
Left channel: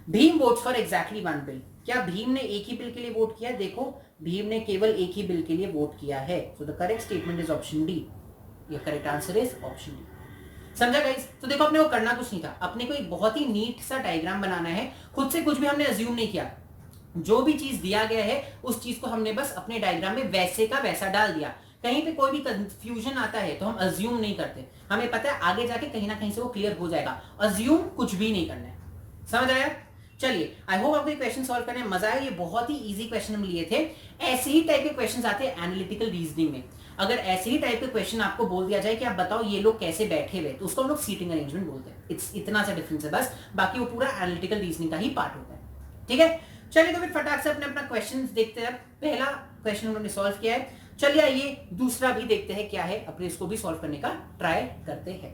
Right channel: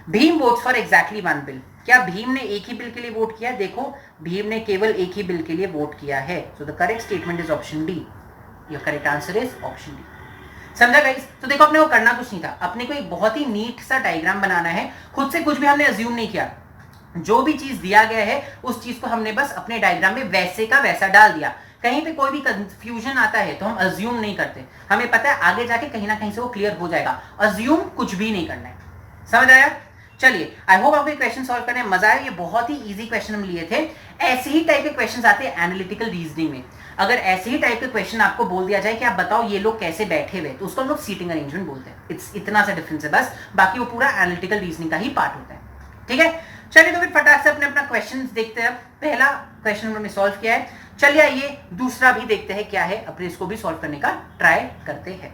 Bhim votes for exactly one bill, क्या भीम ने एक ही बिल के लिए वोट किया, देखो भीम ने केवल एक ही बिल के लिए वोट किया है, so the correct statement is option D, your correct answer is option D. समझा गाइस, तो देखो अपने को करना कुछ नहीं था, अपने को एक बहुत ही नीट सा डायग्राम बनाना है, खुद से कुछ भी हमने अज्यूम नहीं किया, जो भी चीज दिया गया है उस चीज को हमने बस अपने डायग्राम में वैसे का वैसा डाल दिया। कहीं पे कोई भी कंफ्यूजन आता है तो हम अज्यूम नहीं करते, हमें पता है आगे जाके कहीं ना कहीं से वो क्लियर हो जाएगा। अज्यूम कुछ भी नहीं करना है, समझ आया? चलिए, आई होप आपको क्वेश्चन सॉल्व करने में मजा आया। ये बहुत ही इजी क्वेश्चन हम लिए थे। ऐसे ही टाइप के क्वेश्चन आते हैं एनालिटिकल रीजनिंग में। अगर ऐसे ही टाइप के क्वेश्चन आपको बोल दिया जाए कि आप बताओ ये लोग कैसे बैठे हुए, तो उसको हम लोग सीटिंग अरेंजमेंट बोलते हैं। इट्स इतना सा डिफरेंस है बस, बाकी वो पूरा एनालिटिकल रीजनिंग का ही पार्ट होता है। ठीक है, चलिए तो फिर फटाक से अपने अपना क्वेश्चन देखते हैं। पहला क्वेश्चन हमने सॉल्व किया है, चलिए आइए दूसरा भी देखते हैं क्या है, अपने इसको भी सॉल्व करने का ट्राई करते हैं।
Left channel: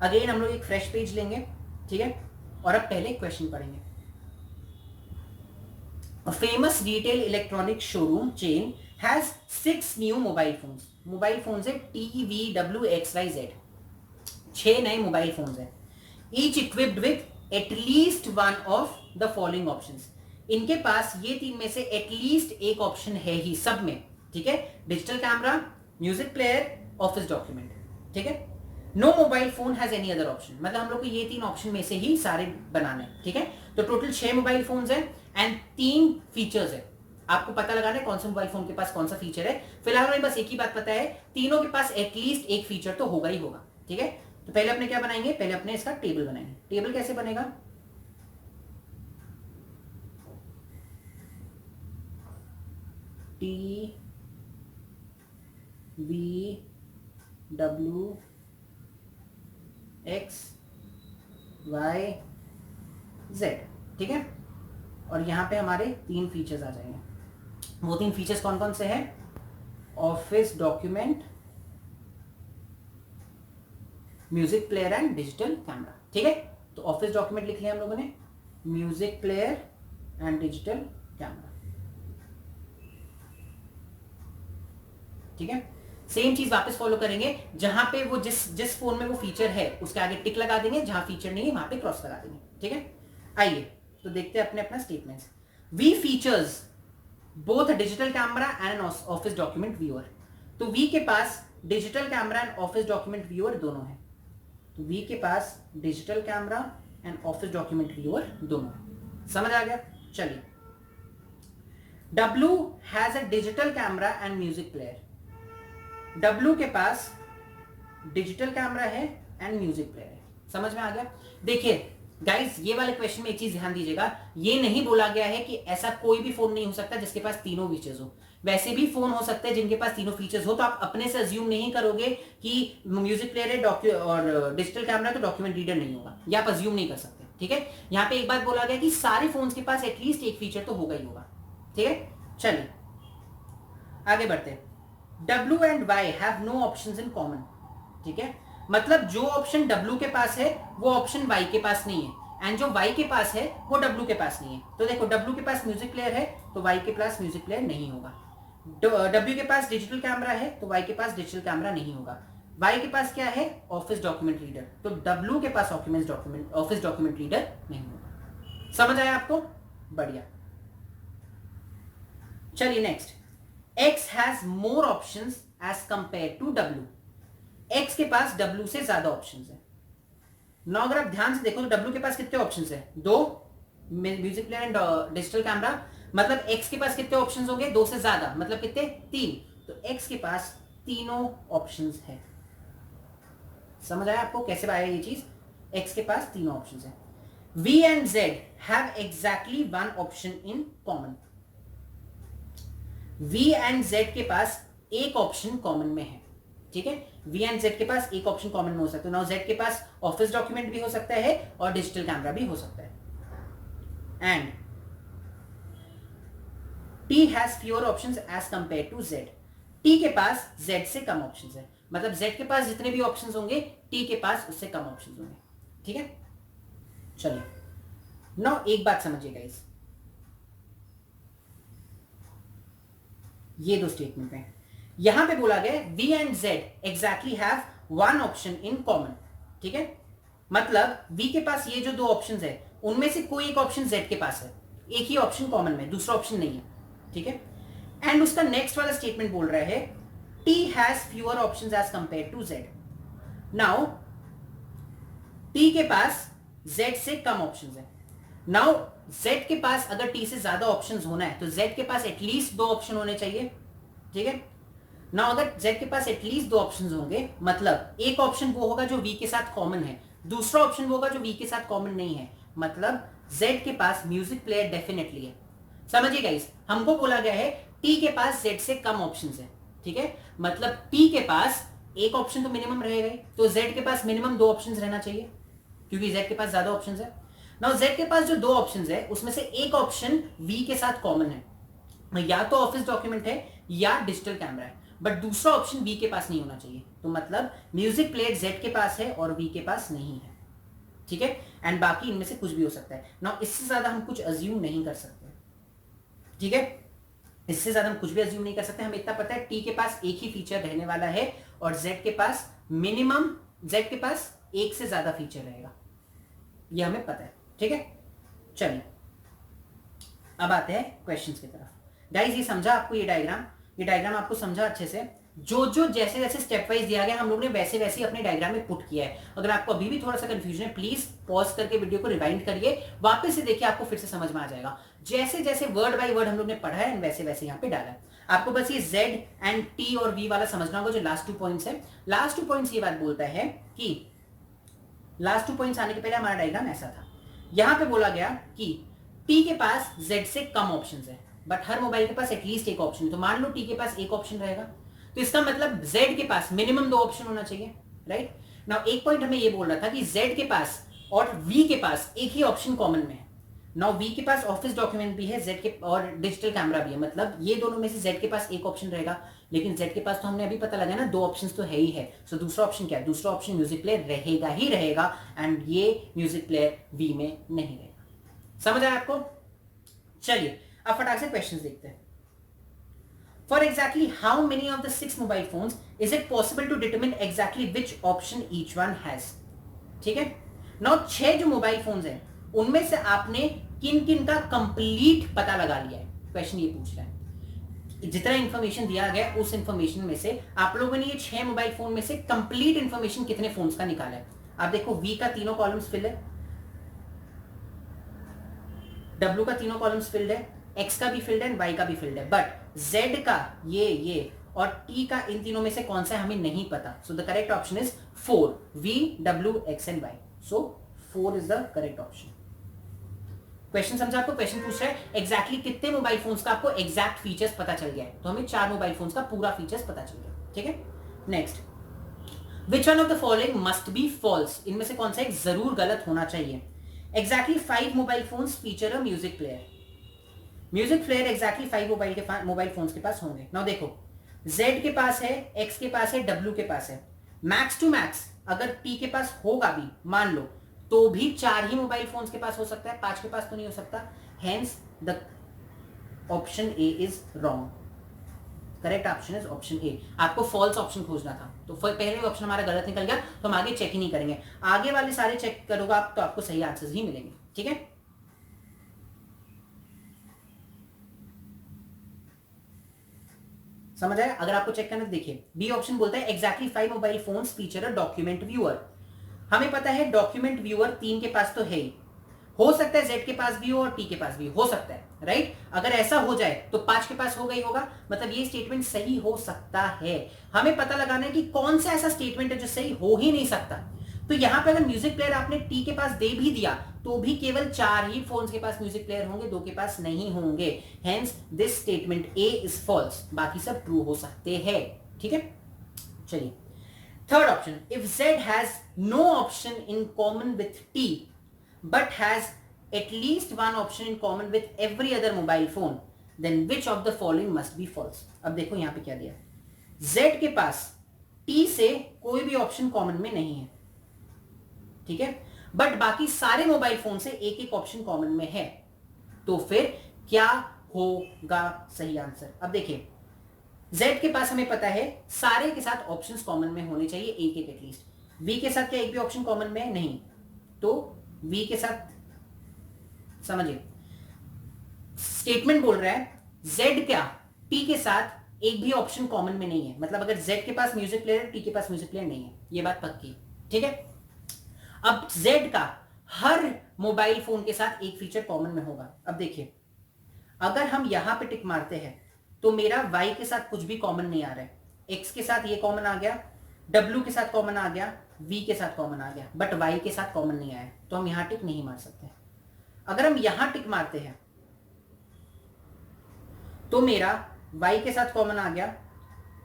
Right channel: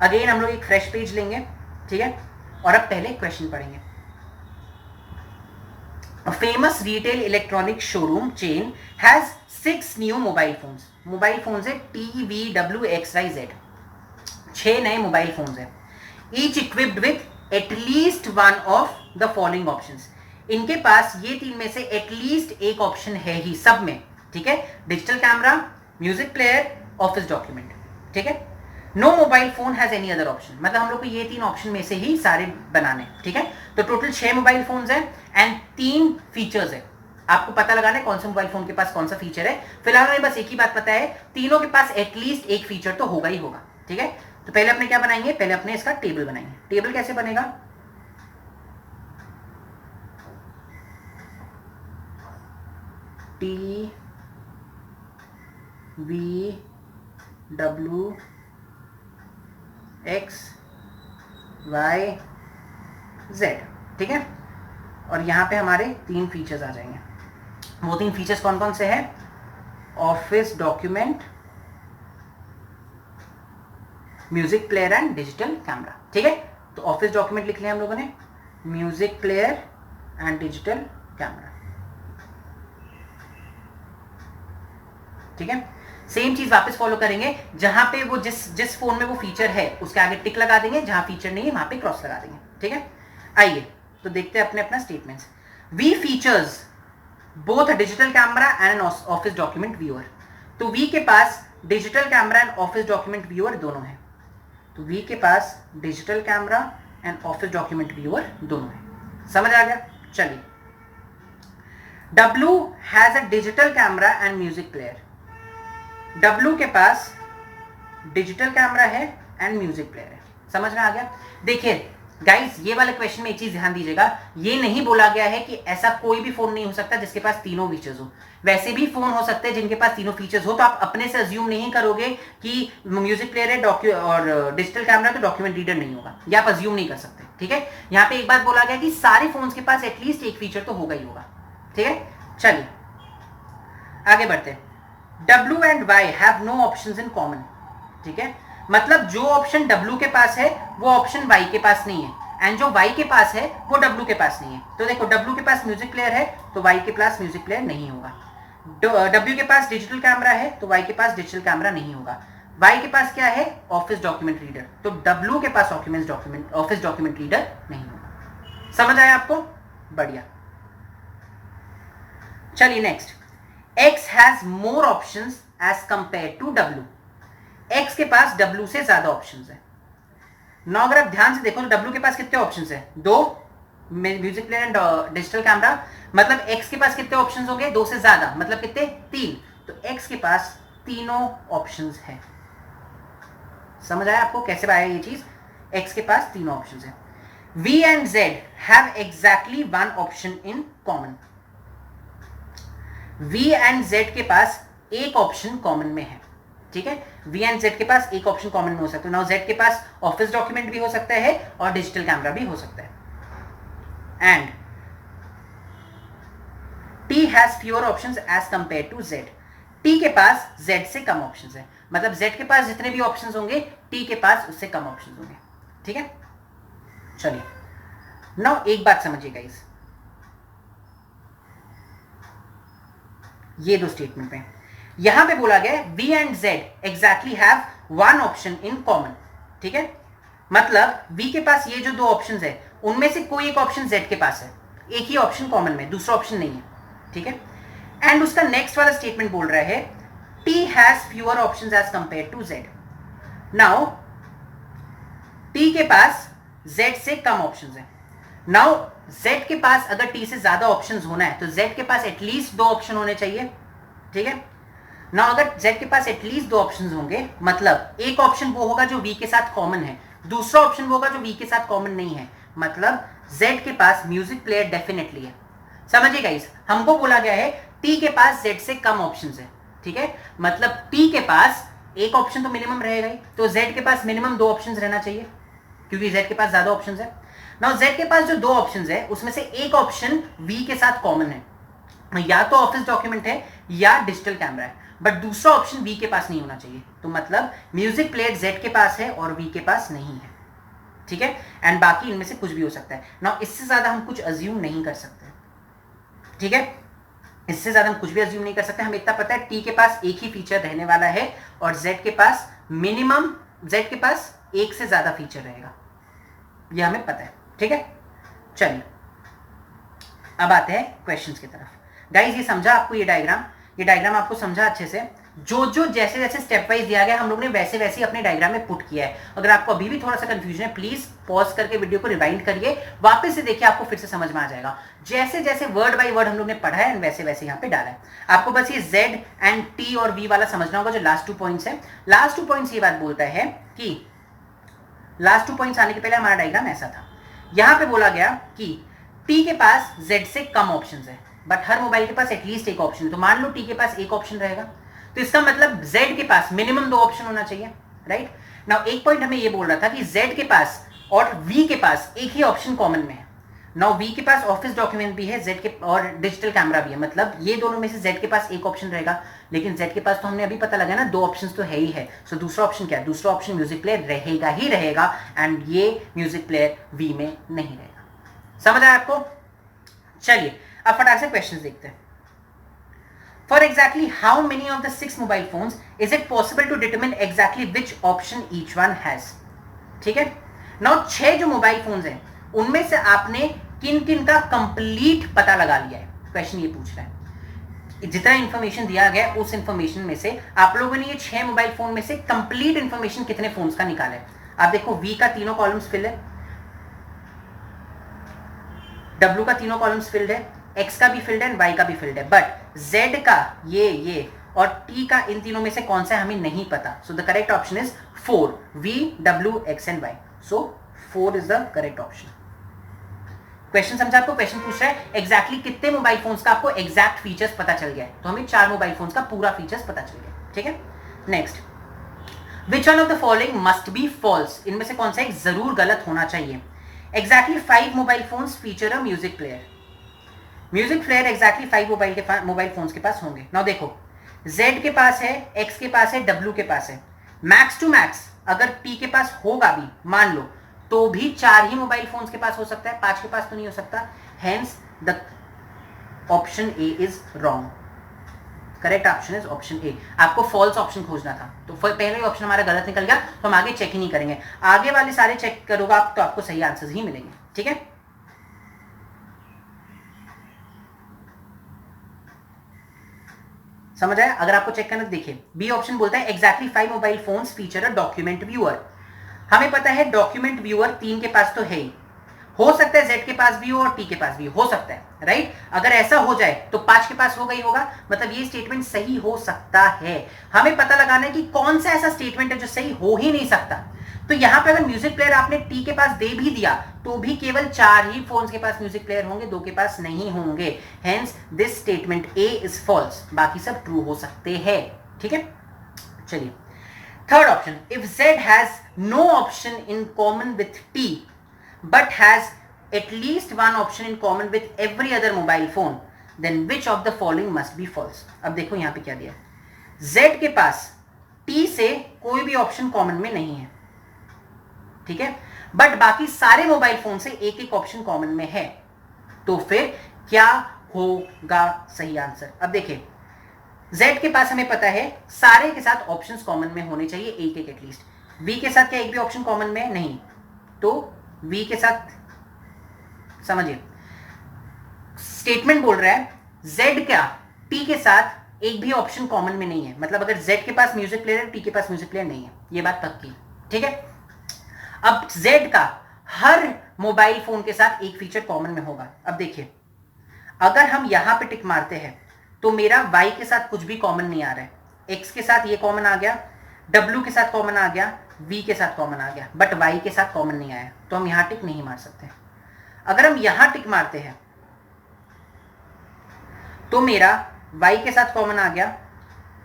अगेन हम लोग एक फ्रेश पेज लेंगे, ठीक है, और अब पहले क्वेश्चन पढ़ेंगे। A famous retail electronic showroom chain has 6 new mobile phones. Mobile phones है TVWXYZ, 6 नए मोबाइल फोन्स है। Each equipped with at least one of the following options. इनके पास ये 3 में से एटलीस्ट एक ऑप्शन है ही सब में, ठीक है। Digital camera, music player, office document, ठीक है। No mobile phone has any other option, मतलब हम लोग को ये 3 ऑप्शन में से ही सारे बनाने, ठीक है। तो टोटल 6 मोबाइल फोन्स है एंड 3 फीचर्स है। आपको पता लगाना है कौन से मोबाइल फोन के पास कौन सा फीचर है। फिलहाल हमें बस एक ही बात पता है, तीनों के पास एटलीस्ट एक फीचर तो होगा ही होगा, ठीक है। तो पहले अपने क्या बनाएंगे, पहले अपने इसका टेबल बनाएंगे। टेबल कैसे बनेगा, TVWXYZ, ठीक है। और यहां पे हमारे 3 फीचर्स आ जाएंगे। वो 3 फीचर्स कौन कौन से हैं, office document, music player and digital camera, ठीक है। तो ऑफिस डॉक्यूमेंट लिख लिया हम लोगों ने, music player and digital camera, ठीक है। सेम चीज वापस फॉलो करेंगे, जहां पे वो जिस फोन में वो फीचर है उसके आगे टिक लगा देंगे, जहां फीचर नहीं है वहां पे क्रॉस लगा देंगे, ठीक है। आइए तो देखते हैं अपने अपना statements. V features both digital camera and office document viewer. तो वी के पास digital camera and office document viewer दोनों है। तो वी के पास digital camera and office document viewer दोनों है, समझ आ गया। चलिए, W has a digital camera and music player. W के पास डिजिटल कैमरा है एंड म्यूजिक प्लेयर है, समझ में आ गया। देखिए गाइस, ये वाले क्वेश्चन में एक चीज ध्यान दीजिएगा, ये नहीं बोला गया है कि ऐसा कोई भी फोन नहीं हो सकता जिसके पास तीनों फीचर्स हो। वैसे भी फोन हो सकते हैं जिनके पास तीनों फीचर्स हो, तो आप अपने से अज्यूम नहीं करोगे कि म्यूजिक प्लेयर है और डिजिटल कैमरा तो डॉक्यूमेंट रीडर नहीं होगा, ये आप अज्यूम नहीं कर सकते, ठीक है। यहाँ पे एक बात बोला गया कि सारे फोन्स के पास एटलीस्ट एक फीचर तो होगा ही होगा, ठीक है। चलिए आगे बढ़ते हैं। W and Y have no options in common, ठीक है। मतलब जो ऑप्शन W के पास है वो ऑप्शन Y के पास नहीं है, एंड जो Y के पास है वो W के पास नहीं है। तो देखो, W के पास म्यूजिक प्लेयर है तो Y के पास म्यूजिक प्लेयर नहीं होगा। W के पास डिजिटल कैमरा है तो Y के पास डिजिटल कैमरा नहीं होगा। Y के पास क्या है, ऑफिस डॉक्यूमेंट रीडर, तो W के पास ऑफिस डॉक्यूमेंट रीडर नहीं होगा। समझ आया आपको, बढ़िया। चलिए next, X has more options as compare to W। X के पास W से ज्यादा ऑप्शंस है। ना अगर आप ध्यान से देखो तो W के पास कितने ऑप्शंस है, 2, music player and digital camera. मतलब X के पास कितने ऑप्शंस होंगे, 2 से ज्यादा, मतलब कितने, 3। तो X के पास तीनों ऑप्शंस है। समझ आया आपको कैसे आया ये चीज, X के पास तीनों ऑप्शंस है। V and Z have exactly one option in common. V and Z के पास एक ऑप्शन कॉमन में है, ठीक है। V एंड Z के पास एक ऑप्शन कॉमन में हो सकता है। नाउ Z के पास ऑफिस डॉक्यूमेंट भी हो सकता है और डिजिटल कैमरा भी हो सकता है। And T has fewer options as compare to Z। T के पास Z से कम ऑप्शंस है, मतलब Z के पास जितने भी ऑप्शंस होंगे T के पास उससे कम ऑप्शंस होंगे, ठीक है। चलिए नाउ एक बात समझिएगा, इस ये 2 स्टेटमेंट में यहां पे बोला गया V and Z exactly have one option in common, ठीक है। मतलब V के पास ये जो 2 ऑप्शंस है उनमें से कोई एक ऑप्शन Z के पास है, एक ही ऑप्शन कॉमन में, दूसरा ऑप्शन नहीं है, ठीक है। एंड उसका नेक्स्ट वाला स्टेटमेंट बोल रहा है T has fewer options as compare to Z। Now T के पास Z से कम ऑप्शंस है। नाउ Z के पास अगर T से ज्यादा ऑप्शंस होना है तो Z के पास एटलीस्ट 2 ऑप्शन होने चाहिए, ठीक है। ना अगर Z के पास एटलीस्ट दो ऑप्शंस होंगे, मतलब एक ऑप्शन वो होगा जो V के साथ कॉमन है, दूसरा ऑप्शन वो होगा जो V के साथ कॉमन नहीं है, मतलब Z के पास म्यूजिक प्लेयर डेफिनेटली है। समझिए गाइस, हमको बोला गया है T के पास Z से कम ऑप्शंस है, ठीक है, मतलब T के पास एक ऑप्शन तो मिनिमम रहेगा ही, तो Z के पास मिनिमम दो ऑप्शंस रहना चाहिए क्योंकि Z के पास ज्यादा ऑप्शंस है। नाउ Z के पास जो दो ऑप्शंस है उसमें से एक ऑप्शन V के साथ कॉमन है, या तो ऑफिस डॉक्यूमेंट है या डिजिटल कैमरा है, बट दूसरा ऑप्शन वी के पास नहीं होना चाहिए, तो मतलब म्यूजिक प्लेयर जेड के पास है और वी के पास नहीं है, ठीक है, एंड बाकी इनमें से कुछ भी हो सकता है। नाउ इससे ज्यादा हम कुछ अज्यूम नहीं कर सकते, ठीक है, इससे ज्यादा हम कुछ भी अज्यूम नहीं कर सकते। हमें इतना पता है टी के पास एक ही फीचर रहने वाला है और जेड के पास मिनिमम, जेड के पास एक से ज्यादा फीचर रहेगा, यह हमें पता है, ठीक है। चलिए अब आते हैं क्वेश्चंस की तरफ। गाइस ये समझा आपको, ये डायग्राम आपको समझा अच्छे से, जो जो जैसे जैसे स्टेप वाइज दिया गया हम लोग ने वैसे वैसे ही अपने डायग्राम में पुट किया है। अगर आपको अभी भी थोड़ा सा कंफ्यूजन है प्लीज पॉज करके वीडियो को रिवाइंड करिए, वापस से देखिए, आपको फिर से समझ में आ जाएगा। जैसे जैसे वर्ड बाय वर्ड हम लोग ने पढ़ा है वैसे वैसे यहाँ पे डाला है। आपको बस ये Z एंड T और V वाला समझना होगा, जो लास्ट 2 पॉइंट्स है। लास्ट 2 पॉइंट्स ये बात बोलता है कि लास्ट 2 पॉइंट्स आने के पहले हमारा डायग्राम ऐसा था, यहां पे बोला गया कि T के पास Z से कम ऑप्शंस है, बट हर मोबाइल के पास एटलीस्ट एक ऑप्शन है। तो मान लो T के पास एक ऑप्शन रहेगा, तो इसका मतलब Z के पास मिनिमम दो ऑप्शन होना चाहिए, राइट। नाउ एक पॉइंट हमें ये बोल रहा था कि Z के पास और V के पास एक ही ऑप्शन कॉमन में है। नाउ V के पास ऑफिस डॉक्यूमेंट भी है, Z के और डिजिटल कैमरा भी है, मतलब ये दोनों में से Z के पास एक ऑप्शन रहेगा, लेकिन Z के पास तो हमने अभी पता लगा ना दो ऑप्शंस तो है ही है। सो दूसरा ऑप्शन क्या है? दूसरा ऑप्शन म्यूजिक प्लेयर रहेगा ही रहेगा, एंड ये म्यूजिक प्लेयर V में नहीं रहेगा। समझ आया आपको? चलिए अब फटाक से क्वेश्चंस देखते हैं। For exactly how many of the 6 mobile phones is it possible to determine exactly which option each one has? ठीक है। Now 6 जो मोबाइल फोन्स हैं उनमें से आपने किन किन का कंप्लीट पता लगा लिया है? क्वेश्चन ये पूछ रहा है। जितना इंफॉर्मेशन दिया गया उस इंफॉर्मेशन में से आप लोगों ने ये 6 मोबाइल फोन में से कंप्लीट इंफॉर्मेशन कितने फोन्स का निकाला है? आप देखो V का तीनों कॉलम्स फिल है, W का तीनों कॉलम्स फिल्ड है, X का भी फिल्ड है, Y का भी फिल्ड है, बट Z का ये और T का इन तीनों में से कौन सा हमें नहीं पता। सो the correct option is 4, V, W, X and Y। So 4 is the correct option. Question समझा आपको? क्वेश्चन पूछ रहा है एग्जैक्टली कितने मोबाइल फोन्स का आपको एग्जैक्ट फीचर्स पता चल गया है, तो हमें 4 मोबाइल फोन्स का पूरा फीचर्स पता चल गया, ठीक है। Next, which one of the following must be false? इनमें से कौन सा एक जरूर गलत होना चाहिए? Exactly 5 mobile phones feature a music player. Music player exactly 5 mobile phones के पास होंगे। नाउ देखो, Z के पास है, X के पास है, W के पास है, मैक्स टू मैक्स अगर T के पास होगा भी मान लो तो भी 4 ही मोबाइल फोन्स के पास हो सकता है, 5 के पास तो नहीं हो सकता। Hence the option A is wrong. Correct option is option A. आपको फॉल्स ऑप्शन खोजना था, तो पहले ऑप्शन हमारा गलत निकल गया, तो हम आगे चेक ही नहीं करेंगे। आगे वाले सारे चेक करोगे आप तो आपको सही आंसर्स ही मिलेंगे, ठीक है। समझ आया? अगर आपको चेक करना देखिए, बी ऑप्शन बोलता है एग्जैक्टली 5 मोबाइल फोन्स फीचर अ डॉक्यूमेंट व्यूअर। हमें पता है डॉक्यूमेंट व्यूअर 3 के पास तो है ही, हो सकता है Z के पास भी हो और T के पास भी हो सकता है, राइट। अगर ऐसा हो जाए तो 5 के पास हो गई होगा, मतलब ये स्टेटमेंट सही हो सकता है। हमें पता लगाना है कि कौन सा ऐसा स्टेटमेंट है जो सही हो ही नहीं सकता। तो यहां पे अगर म्यूजिक प्लेयर आपने T के पास दे भी दिया तो भी केवल 4 ही फोन्स के पास म्यूजिक प्लेयर होंगे, 2 के पास नहीं होंगे। Hence this statement A is false, बाकी सब ट्रू हो सकते हैं, ठीक है। चलिए third option, if Z has no option in common with T but has at least one option in common with every other mobile phone, then which of the following must be false? अब देखो यहां पे क्या दिया, Z के पास T से कोई भी ऑप्शन कॉमन में नहीं है, ठीक है, बट बाकी सारे मोबाइल फोन से एक एक ऑप्शन कॉमन में है, तो फिर क्या होगा सही आंसर? अब देखिए Z के पास हमें पता है सारे के साथ ऑप्शंस कॉमन में होने चाहिए, एक एक एटलीस्ट। V के साथ क्या एक भी ऑप्शन कॉमन में नहीं, तो V के साथ समझिए स्टेटमेंट बोल रहा है Z क्या T के साथ एक भी ऑप्शन कॉमन में नहीं है, मतलब अगर Z के पास म्यूजिक प्लेयर है, T के पास म्यूजिक प्लेयर नहीं है, ये बात पक्की, ठीक है। अब Z का हर मोबाइल फोन के साथ एक फीचर कॉमन में होगा। अब देखिए अगर हम यहां पे टिक मारते हैं तो मेरा Y के साथ कुछ भी कॉमन नहीं आ रहा है, एक्स के साथ ये कॉमन आ गया, डब्ल्यू के साथ कॉमन आ गया, वी के साथ कॉमन आ गया, बट वाई के साथ कॉमन नहीं आया, तो हम यहां टिक नहीं मार सकते। अगर हम यहां टिक मारते हैं तो मेरा वाई के साथ कॉमन आ गया,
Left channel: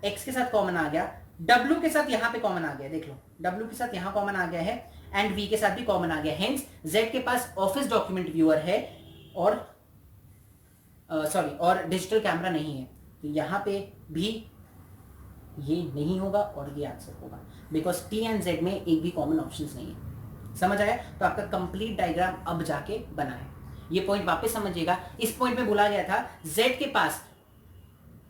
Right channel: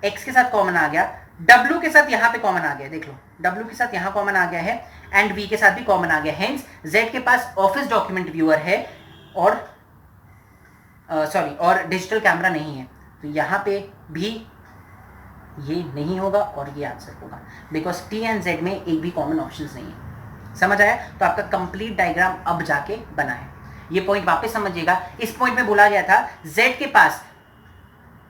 एक्स के साथ कॉमन आ गया, डब्ल्यू के साथ यहां पे कॉमन आ गया, देख लो डब्ल्यू के साथ यहां कॉमन आ गया है, एंड वी के साथ भी कॉमन आ गया। हेंस जेड के पास ऑफिस डॉक्यूमेंट व्यूअर है और और डिजिटल कैमरा नहीं है, तो यहां पे भी ये नहीं होगा और ये आंसर होगा, बिकॉज टी एंड जेड में एक भी कॉमन ऑप्शंस नहीं है। समझ आया? तो आपका कंप्लीट डायग्राम अब जाके बना है। ये पॉइंट वापस समझिएगा, इस पॉइंट में बोला गया था जेड के पास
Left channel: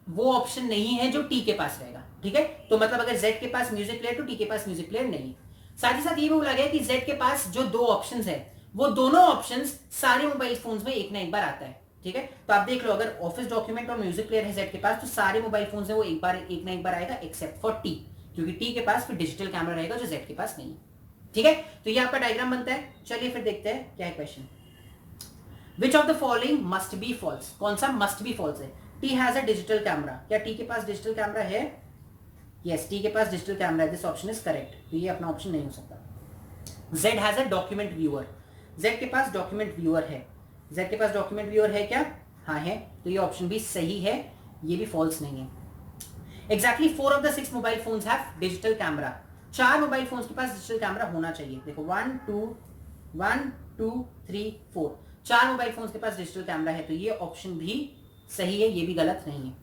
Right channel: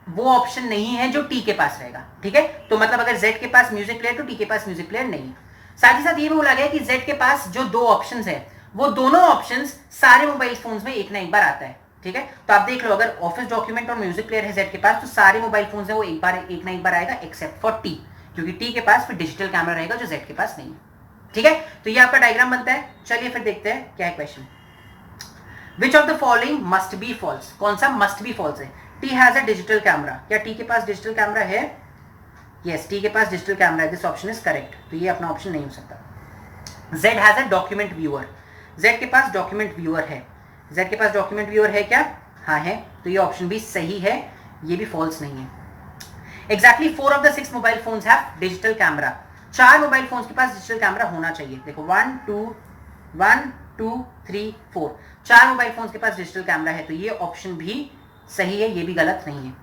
वो ऑप्शन नहीं है जो टी के पास रहेगा, ठीक है? तो मतलब अगर जेड के पास म्यूजिक प्लेयर तो टी के पास म्यूजिक प्लेयर नहीं है। साथ ही साथ ये भी बोला गया कि जेड के पास जो दो ऑप्शंस है वो दोनों ऑप्शंस सारे मोबाइल फोन्स में एक ना एक बार आता है, ठीक है? तो आप देख लो, अगर ऑफिस डॉक्यूमेंट और म्यूजिक प्लेयर है जेड के पास तो सारे मोबाइल फोन्स है वो एक ना एक बार आएगा, एक्सेप्ट फॉर टी, क्योंकि टी के पास फिर डिजिटल कैमरा रहेगा जो जेड के पास नहीं है, ठीक है? तो ये आपका डायग्राम बनता है। चलिए फिर देखते हैं क्या है question. Which of the following must be false? कौन सा मस्ट बी फॉल्स है? T has a digital camera. क्या टी के पास डिजिटल कैमरा है? यस, टी के पास डिजिटल कैमरा है, दिस ऑप्शन इज करेक्ट, तो ये अपना ऑप्शन नहीं हो सकता। Z has a document viewer. Z के पास डॉक्यूमेंट व्यूअर है। जेड के पास डॉक्यूमेंट व्यूअर है क्या? हाँ है, तो ये ऑप्शन भी सही है, ये भी फॉल्स नहीं है। Exactly 4 of the 6 mobile phones have digital camera. 4 mobile phones के पास डिजिटल कैमरा होना चाहिए। देखो 1 2 3 4, 4 मोबाइल फोन्स के पास डिजिटल कैमरा है, तो ये ऑप्शन भी सही है, ये भी गलत नहीं है।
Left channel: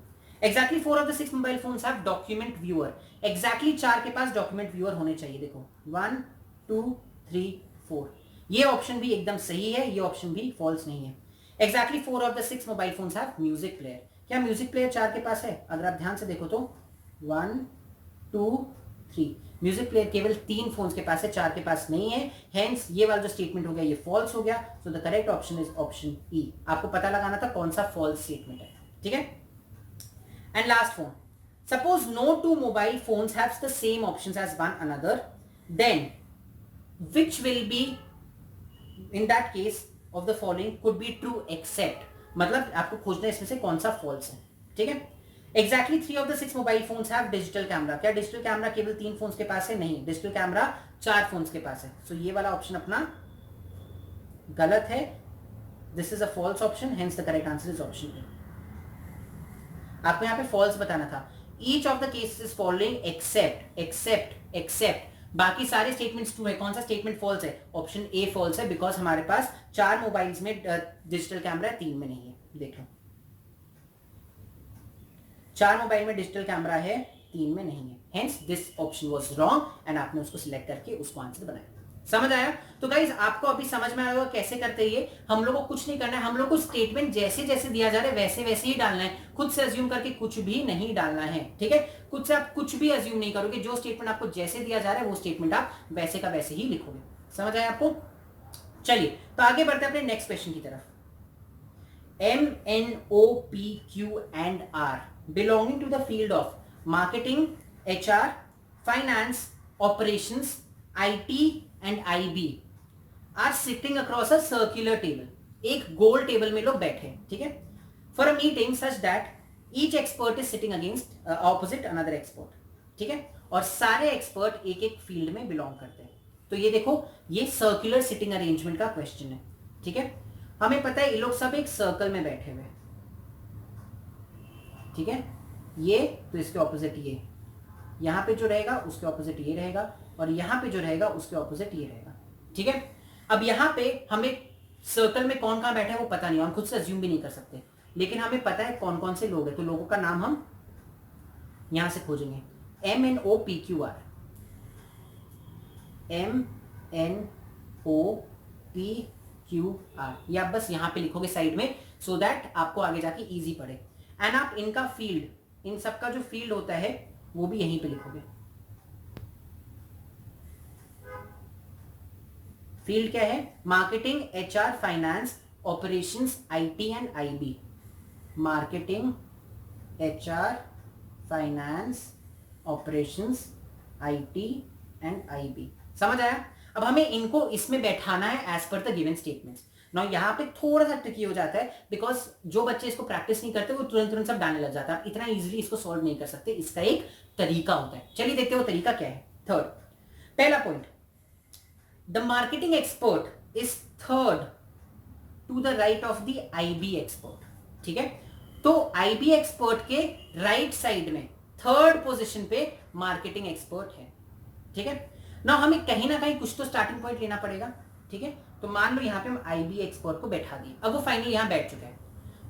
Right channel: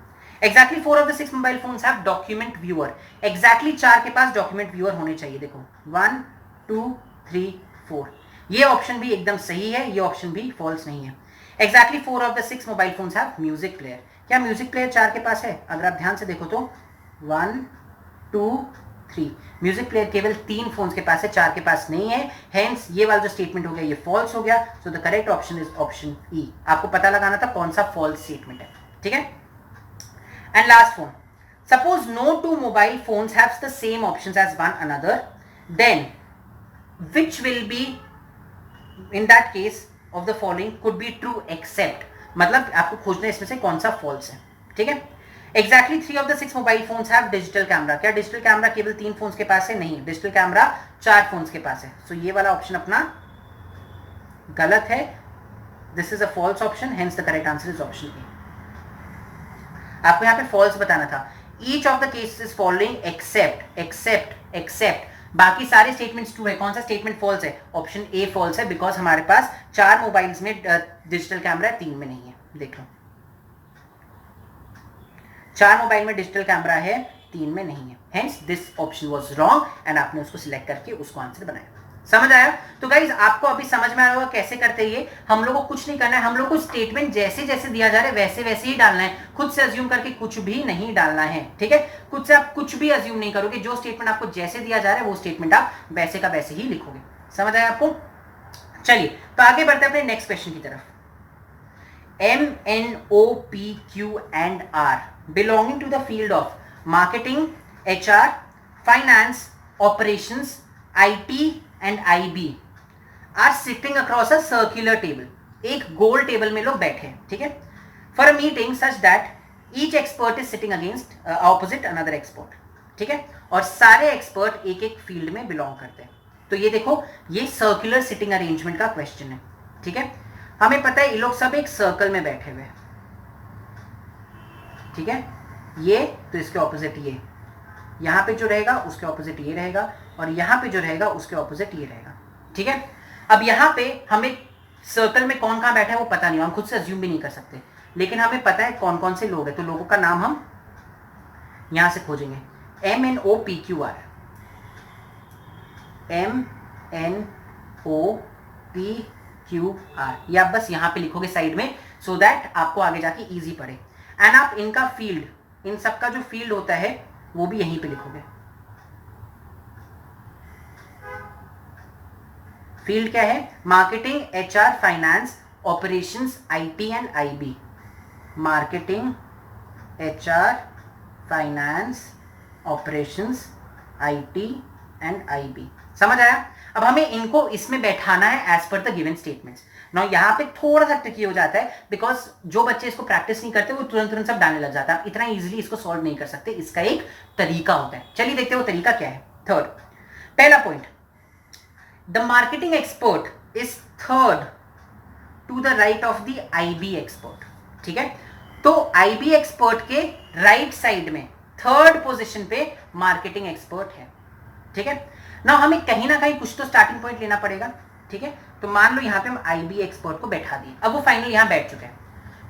Exactly 4 of the 6 mobile phones have document viewer. Exactly 4 के पास डॉक्यूमेंट व्यूअर होने चाहिए। देखो 1 2 3 4, ये ऑप्शन भी एकदम सही है, ये ऑप्शन भी फॉल्स नहीं है। Exactly 4 of the 6 mobile phones have music player. क्या म्यूजिक प्लेयर 4 के पास है? अगर आप ध्यान से देखो तो 1 2 3, म्यूजिक प्लेयर केवल 3 फोन्स के पास है, 4 के पास नहीं है। हेंस ये वाला जो स्टेटमेंट हो गया ये फॉल्स हो गया। सो the correct option is option E. आपको पता लगाना था कौन सा फॉल्स स्टेटमेंट है, ठीक है? And last one, suppose no two mobile phones have the same options as one another, then which will be in that case of the following could be true except, मतलब आपको खोजना इसमें से कौन सा फॉल्स है, ठीक है? Exactly 3 of the 6 mobile phones have digital camera. क्या डिजिटल कैमरा केवल 3 फोन्स के पास है? नहीं, डिजिटल कैमरा 4 फोन्स के पास है। सो ये वाला ऑप्शन अपना गलत है, this is a false option, hence the correct answer is option A. आपको यहाँ पे फॉल्स बताना था। Each of the cases following except बाकी सारे स्टेटमेंट्स ट्रू है, कौन सा स्टेटमेंट फॉल्स है? ऑप्शन ए फॉल्स है, बिकॉज हमारे पास 4 मोबाइल्स में डिजिटल कैमरा है, 3 में नहीं है। देख लो 4 मोबाइल में डिजिटल कैमरा है, 3 में नहीं है, hence this option was wrong and आपने उसको सिलेक्ट करके उसको आंसर बनाया। समझ आया? तो गाइज आपको अभी समझ में आया होगा कैसे करते हैं ये। हम लोग को कुछ नहीं करना है, हम लोग को स्टेटमेंट जैसे जैसे दिया जा रहा है वैसे वैसे ही डालना है, खुद से अज्यूम करके कुछ भी नहीं डालना है, ठीक है? खुद से आप कुछ भी अज्यूम नहीं करोगे, जो स्टेटमेंट आपको जैसे दिया जा रहा है वो स्टेटमेंट आप वैसे का वैसे ही लिखोगे। समझ आया आपको? चलिए तो आगे बढ़ते हैं अपने नेक्स्ट क्वेश्चन की तरफ। MNOPQ and R belonging to the field of marketing, HR, finance, operations, IT and IB are sitting across a circular table. एक गोल टेबल में लोग बैठे हैं, ठीक है? For a meeting such that each expert is sitting against opposite another expert, ठीक है? और सारे एक्सपर्ट एक एक फील्ड में बिलोंग करते हैं। तो ये देखो, ये सर्कुलर सिटिंग अरेंजमेंट का क्वेश्चन है, ठीक है? हमें पता है ये लोग सब एक सर्कल में बैठे हुए हैं, ठीक है? ये तो इसके ऑपोजिट ये, यहां पे जो रहेगा उसके ऑपोजिट ये रहेगा, और यहां पे जो रहेगा उसके ऑपोजिट ये रहेगा, ठीक है? अब यहां पे हमें सर्कल में कौन कहां बैठा है वो पता नहीं, हम खुद से अज्यूम भी नहीं कर सकते, लेकिन हमें पता है कौन कौन से लोग हैं, तो लोगों का नाम हम यहां से खोजेंगे। MNOPQR, MNOPQR, ये आप बस यहां पे लिखोगे साइड में, सो दैट आपको आगे जाके इजी पड़े। एंड आप इनका फील्ड, इन सबका जो फील्ड होता है वो भी यहीं पे लिखोगे। फील्ड क्या है? Marketing, HR, finance, operations, IT and IB। Marketing, HR, finance, operations, IT and IB। समझ आया? अब हमें इनको इसमें बैठाना है as per the given statements. Now यहाँ पे थोड़ा सा ट्रिकी हो जाता है, बिकॉज जो बच्चे इसको प्रैक्टिस नहीं करते वो तुरंत तुरंत सब डालने लग जाता है। आप इतना इजीली इसको सॉल्व नहीं कर सकते, इसका एक तरीका होता है। चलिए देखते हैं वो तरीका क्या है। थर्ड, पहला point, the marketing expert is third to the right of the IB expert. ठीक है, तो आईबी एक्सपर्ट के राइट साइड में थर्ड पोजीशन पे मार्केटिंग एक्सपर्ट है। ठीक है, ना हमें कहीं ना कहीं कुछ तो स्टार्टिंग पॉइंट लेना पड़ेगा। ठीक है, तो मान लो यहां पे हम आईबी एक्सपर्ट को बैठा दिए, अब वो फाइनली यहां बैठ चुका है,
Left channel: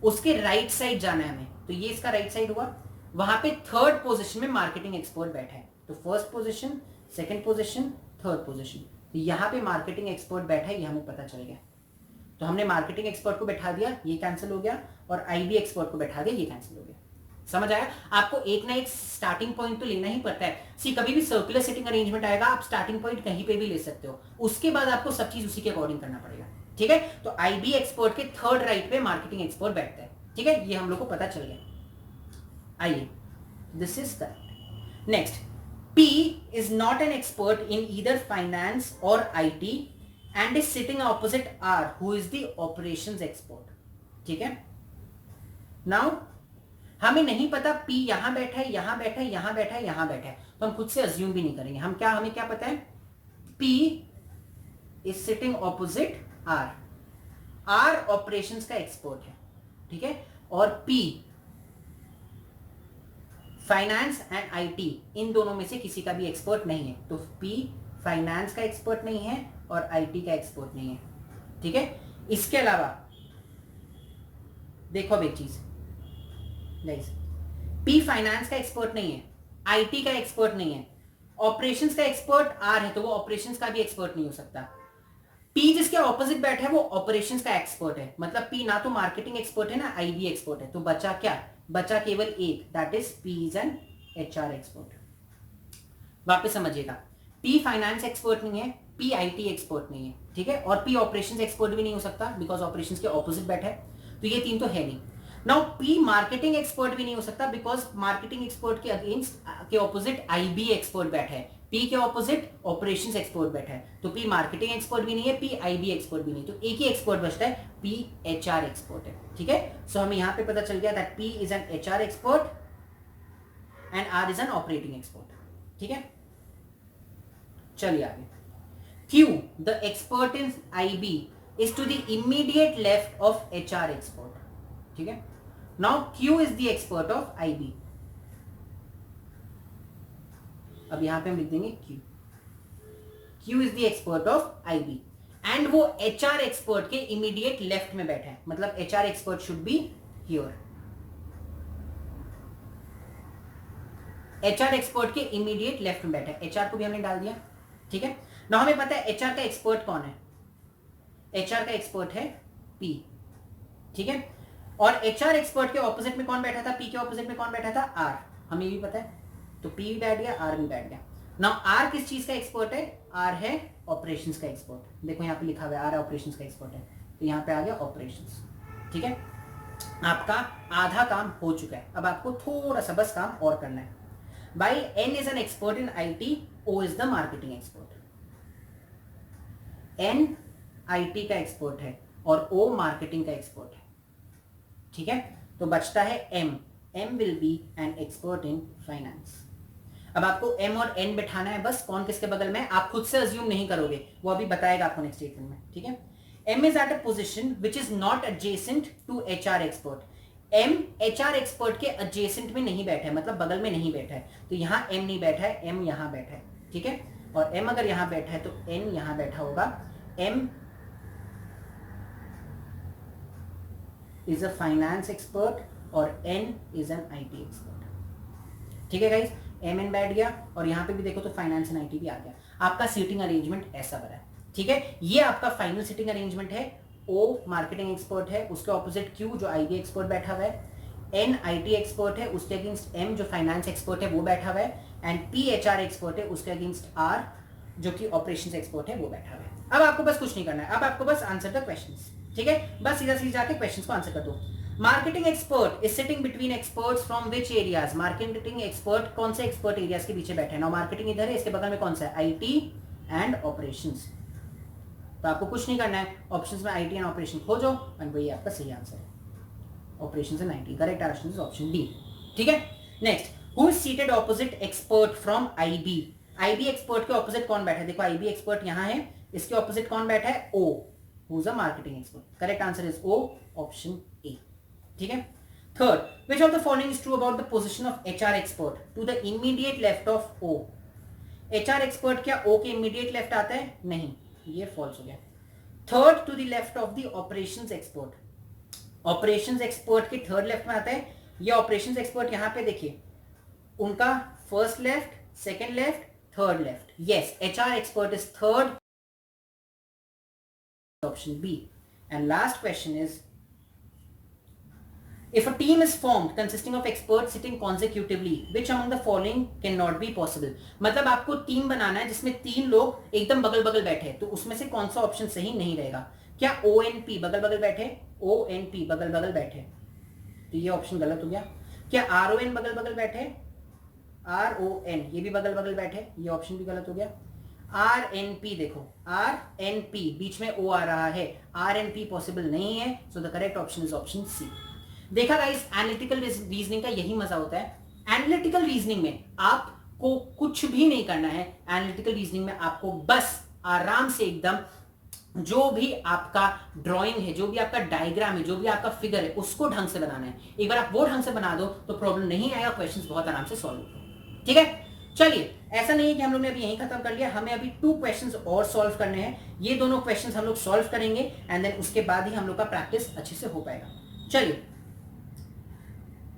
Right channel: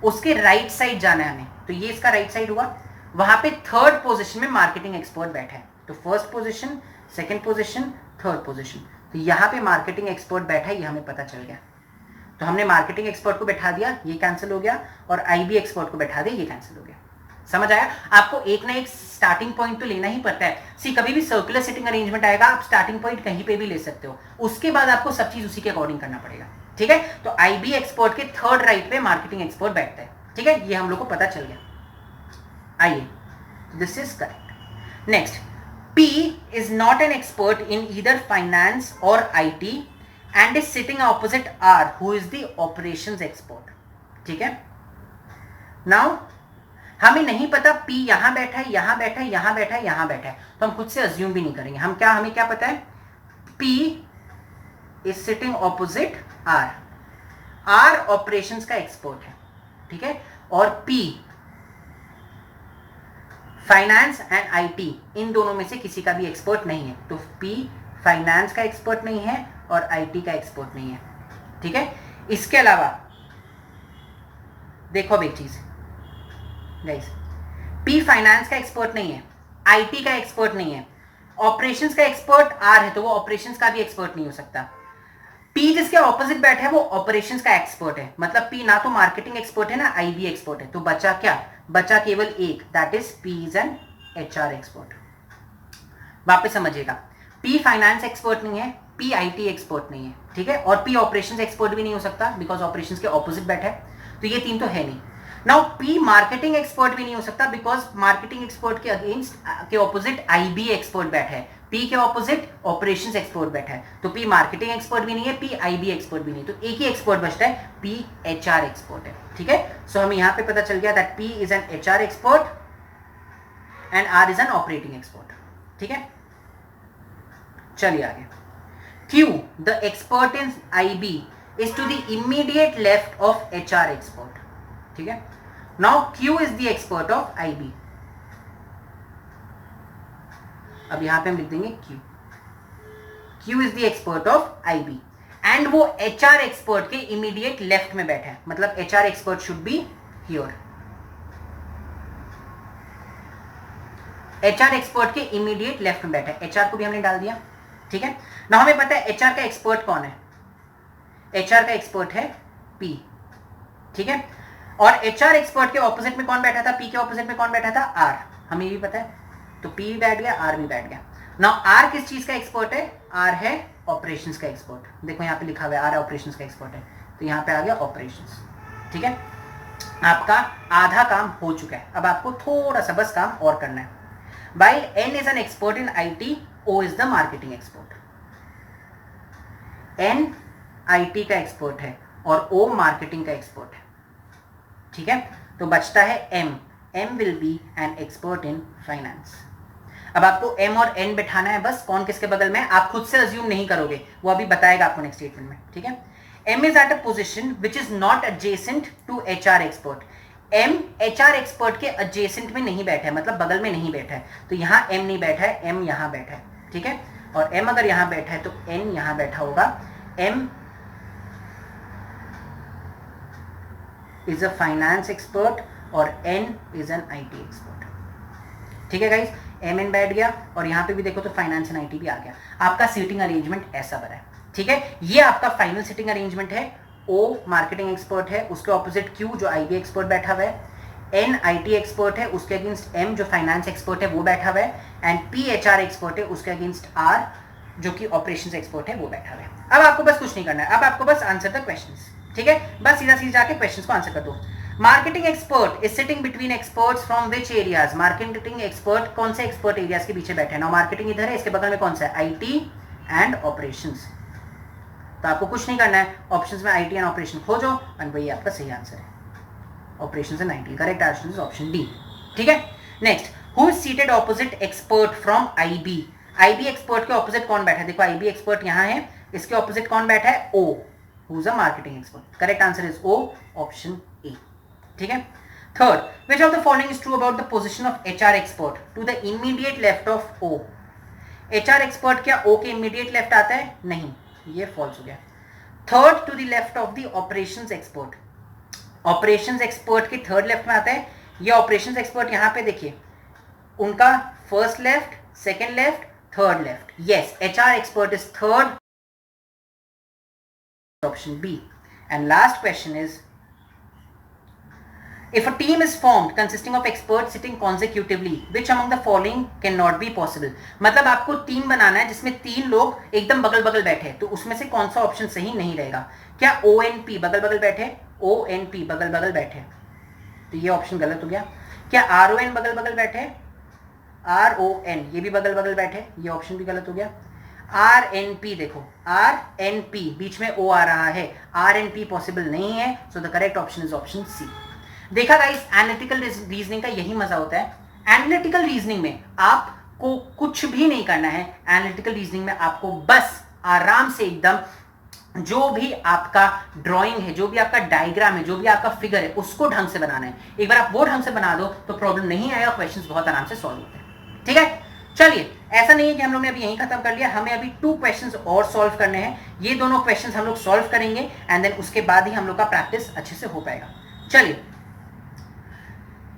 उसके राइट साइड जाना है हमें, तो ये इसका राइट साइड हुआ, वहां पे थर्ड पोजीशन में मार्केटिंग एक्सपर्ट बैठा है, तो first position, second position, third position, तो यहां पे मार्केटिंग एक्सपर्ट बैठा है, ये हमें पता चल गया। तो हमने मार्केटिंग एक्सपर्ट को बैठा दिया, ये कैंसिल हो गया, और आईबी एक्सपर्ट को बैठा दिया, ये कैंसिल हो गया। समझ आया? आपको एक ना एक स्टार्टिंग पॉइंट तो लेना ही पड़ता है। सी कभी भी सर्कुलर सिटिंग अरेंजमेंट आएगा, आप स्टार्टिंग पॉइंट कहीं पे भी ले सकते हो, उसके बाद आपको सब चीज उसी के अकॉर्डिंग करना पड़ेगा। ठीक है, तो आईबी एक्सपर्ट के थर्ड राइट पे मार्केटिंग एक्सपर्ट बैठता है। ठीक है, ये हम लोग को पता चल गया। आइए, this is correct. Next, P is not an expert in either finance or IT and is sitting opposite R who is the operations expert. ठीक है, नाउ हमें नहीं पता पी यहां बैठा है, यहां बैठा है, यहां बैठा है, यहां बैठा है, तो हम खुद से अज्यूम भी नहीं करेंगे। हमें क्या पता है, P is sitting opposite R, R operations का एक्सपर्ट है। ठीक है, और पी फाइनेंस एंड आईटी, इन दोनों में से किसी का भी एक्सपर्ट नहीं है, तो पी फाइनेंस का एक्सपर्ट नहीं है और आईटी का एक्सपर्ट नहीं है। ठीक है, इसके अलावा देखो अब एक चीज गाइस, पी फाइनेंस का एक्सपर्ट नहीं है, आईटी का एक्सपर्ट नहीं है, ऑपरेशंस का एक्सपर्ट आर है, तो वो ऑपरेशंस का भी एक्सपर्ट नहीं हो सकता। पी जिसके ऑपोजिट बैठा है वो ऑपरेशंस का एक्सपर्ट है, मतलब पी ना तो मार्केटिंग एक्सपर्ट है ना आईबी एक्सपर्ट है, तो बचा क्या, बचा केवल एक, that is P is an HR expert. वापस समझिएगा, पी फाइनेंस एक्सपर्ट नहीं है, पी आईटी एक्सपर्ट नहीं है। ठीक है, और पी ऑपरेशंस एक्सपर्ट भी नहीं हो सकता, बिकॉज ऑपरेशंस के ऑपोजिट बैठा है, तो ये तीन तो है नहीं। नाउ पी मार्केटिंग एक्सपर्ट भी नहीं हो सकता, बिकॉज मार्केटिंग एक्सपर्ट के अगेंस्ट के ऑपोजिट आईबी एक्सपर्ट बैठा है, पी के ऑपोजिट ऑपरेशंस एक्सपर्ट बैठा है, तो पी मार्केटिंग एक्सपर्ट भी नहीं है, पी आईबी एक्सपर्ट भी नहीं, तो एक ही एक्सपर्ट बचता है, पी एचआर एक्सपर्ट है। ठीक है, सो हमें यहां पे पता चल गया that P is an HR expert and R is an operating expert. ठीक है, चलिए आगे। Q the expert in IB is to the immediate left of HR expert. ठीक है, now Q is the expert of IB। अब यहां पे हम लिख देंगे Q is the expert of IB and वो HR एक्सपर्ट के इमीडिएट लेफ्ट में बैठा है, मतलब HR expert should be here. HR expert के इमीडिएट लेफ्ट में बैठा है, HR को भी हमने डाल दिया। ठीक है, ना हमें पता है HR का एक्सपर्ट कौन है, HR का एक्सपर्ट है P। ठीक है, और एचआर एक्सपर्ट के ऑपोजिट में कौन बैठा था, पी के ऑपोजिट में कौन बैठा था, आर, हमें भी पता है, तो पी भी बैठ गया, आर भी बैठ गया। नाउ आर किस चीज का एक्सपर्ट है, आर है ऑपरेशंस का एक्सपर्ट। देखो यहाँ पे लिखा हुआ है आर ऑपरेशंस का एक्सपर्ट है, तो यहाँ पे आ गया ऑपरेशंस। ठीक है, आपका आधा काम हो चुका है, अब आपको थोड़ा सा बस काम और करना है। While N is an expert in IT, O is the marketing expert. N IT का एक्सपर्ट है और O मार्केटिंग का एक्सपर्ट है। ठीक है, तो बचता है M will be N expert in finance. अब आपको M और N बैठाना है, बस कौन किसके बगल में, आप खुद से अज्यूम नहीं करोगे, वो अभी बताएगा आपको नेक्स्ट स्टेटमेंट में। ठीक है, M is at a position which is not adjacent to HR expert. M HR expert के एडजेसेंट में नहीं बैठा है, मतलब बगल में नहीं बैठा है, तो यहाँ M नहीं बैठा है, M यहाँ बैठा है। ठीक है, और M अगर यहाँ बैठा है तो N यहाँ बैठा होगा। M is a finance expert और N is an IT expert. ठीक है गाइस, MN बैठ गया और यहाँ पे भी देखो तो फाइनेंस एंड IT भी आ गया। आपका सीटिंग अरेंजमेंट ऐसा बना है। ठीक है, ये आपका फाइनल सीटिंग अरेंजमेंट है। O मार्केटिंग एक्सपर्ट है, उसके ऑपोजिट Q जो IB एक्सपर्ट बैठा हुआ है, N IT एक्सपर्ट है, उसके अगेंस्ट M जो फाइनेंस एक्सपर्ट है वो बैठा हुआ है, एंड P HR एक्सपर्ट है, उसके अगेंस्ट R जो कि ऑपरेशंस एक्सपर्ट है वो बैठा हुआ है। अब आपको बस कुछ नहीं करना है, अब आपको बस आंसर द क्वेश्चंस। ठीक है, बस सीधा सीधा जाके क्वेश्चंस को आंसर कर दो। Marketing expert is sitting between experts from which areas. Marketing expert कौन से एक्सपर्ट एरियाज के पीछे बैठे हैं। नाउ मार्केटिंग इधर है, इसके बगल में कौन सा है, IT एंड ऑपरेशंस। तो आपको कुछ नहीं करना है, ऑप्शंस में आईटी एंड ऑपरेशन खोजो एंड वही आपका सही आंसर है। Operation and IT, correct answer is option D. ठीक है, next, who is seated opposite expert from IB. IB expert के ऑपोजिट कौन बैठा है? देखो आईबी एक्सपर्ट यहां है, इसके ऑपोजिट कौन बैठा है? O, who is a marketing expert. Correct answer is O, option A. ठीक है, third, which of the following is true about the position of HR expert to the immediate left of O? HR expert क्या O के immediate left आता है? नहीं, ये false हो गया। Third, to the left of the operations expert, operations expert के थर्ड लेफ्ट में आता है। ये operations expert यहां पे देखिए, उनका first left, second left, third left. Yes, HR expert is third, option B. And last question is, if a team is formed consisting of experts sitting consecutively, which among the following cannot be possible? मतलब आपको टीम बनाना है जिसमें 3 लोग एकदम बगल बगल बैठे, तो उसमें से कौन सा ऑप्शन सही नहीं रहेगा? क्या ONP बगल बगल बैठे? ONP बगल बगल बैठे, तो ये ऑप्शन गलत हो गया। क्या RON बगल बगल बैठे? RON ये भी बगल बगल बैठे, ये ऑप्शन भी गलत हो गया। RNP देखो, RNP बीच में O आ रहा है, RNP पॉसिबल नहीं है, so the correct option is option C. देखा गाइस, एनालिटिकल रीजनिंग का यही मजा होता है। एनालिटिकल रीजनिंग में आपको कुछ भी नहीं करना है। एनालिटिकल रीजनिंग में आपको बस आराम से एकदम जो भी आपका ड्राइंग है, जो भी आपका डायग्राम है, जो भी आपका फिगर है, उसको ढंग से बनाना है। एक बार आप वो ढंग से बना दो तो प्रॉब्लम नहीं आएगा, क्वेश्चंस बहुत आराम से सॉल्व होते हैं। ठीक है, चलिए, ऐसा नहीं है कि हम लोग ने अभी यहीं खत्म कर लिया, हमें अभी 2 क्वेश्चंस और सॉल्व करने हैं। ये दोनों क्वेश्चंस हम लोग सॉल्व करेंगे एंड देन उसके बाद ही हम लोग का प्रैक्टिस अच्छे से हो पाएगा। चलिए,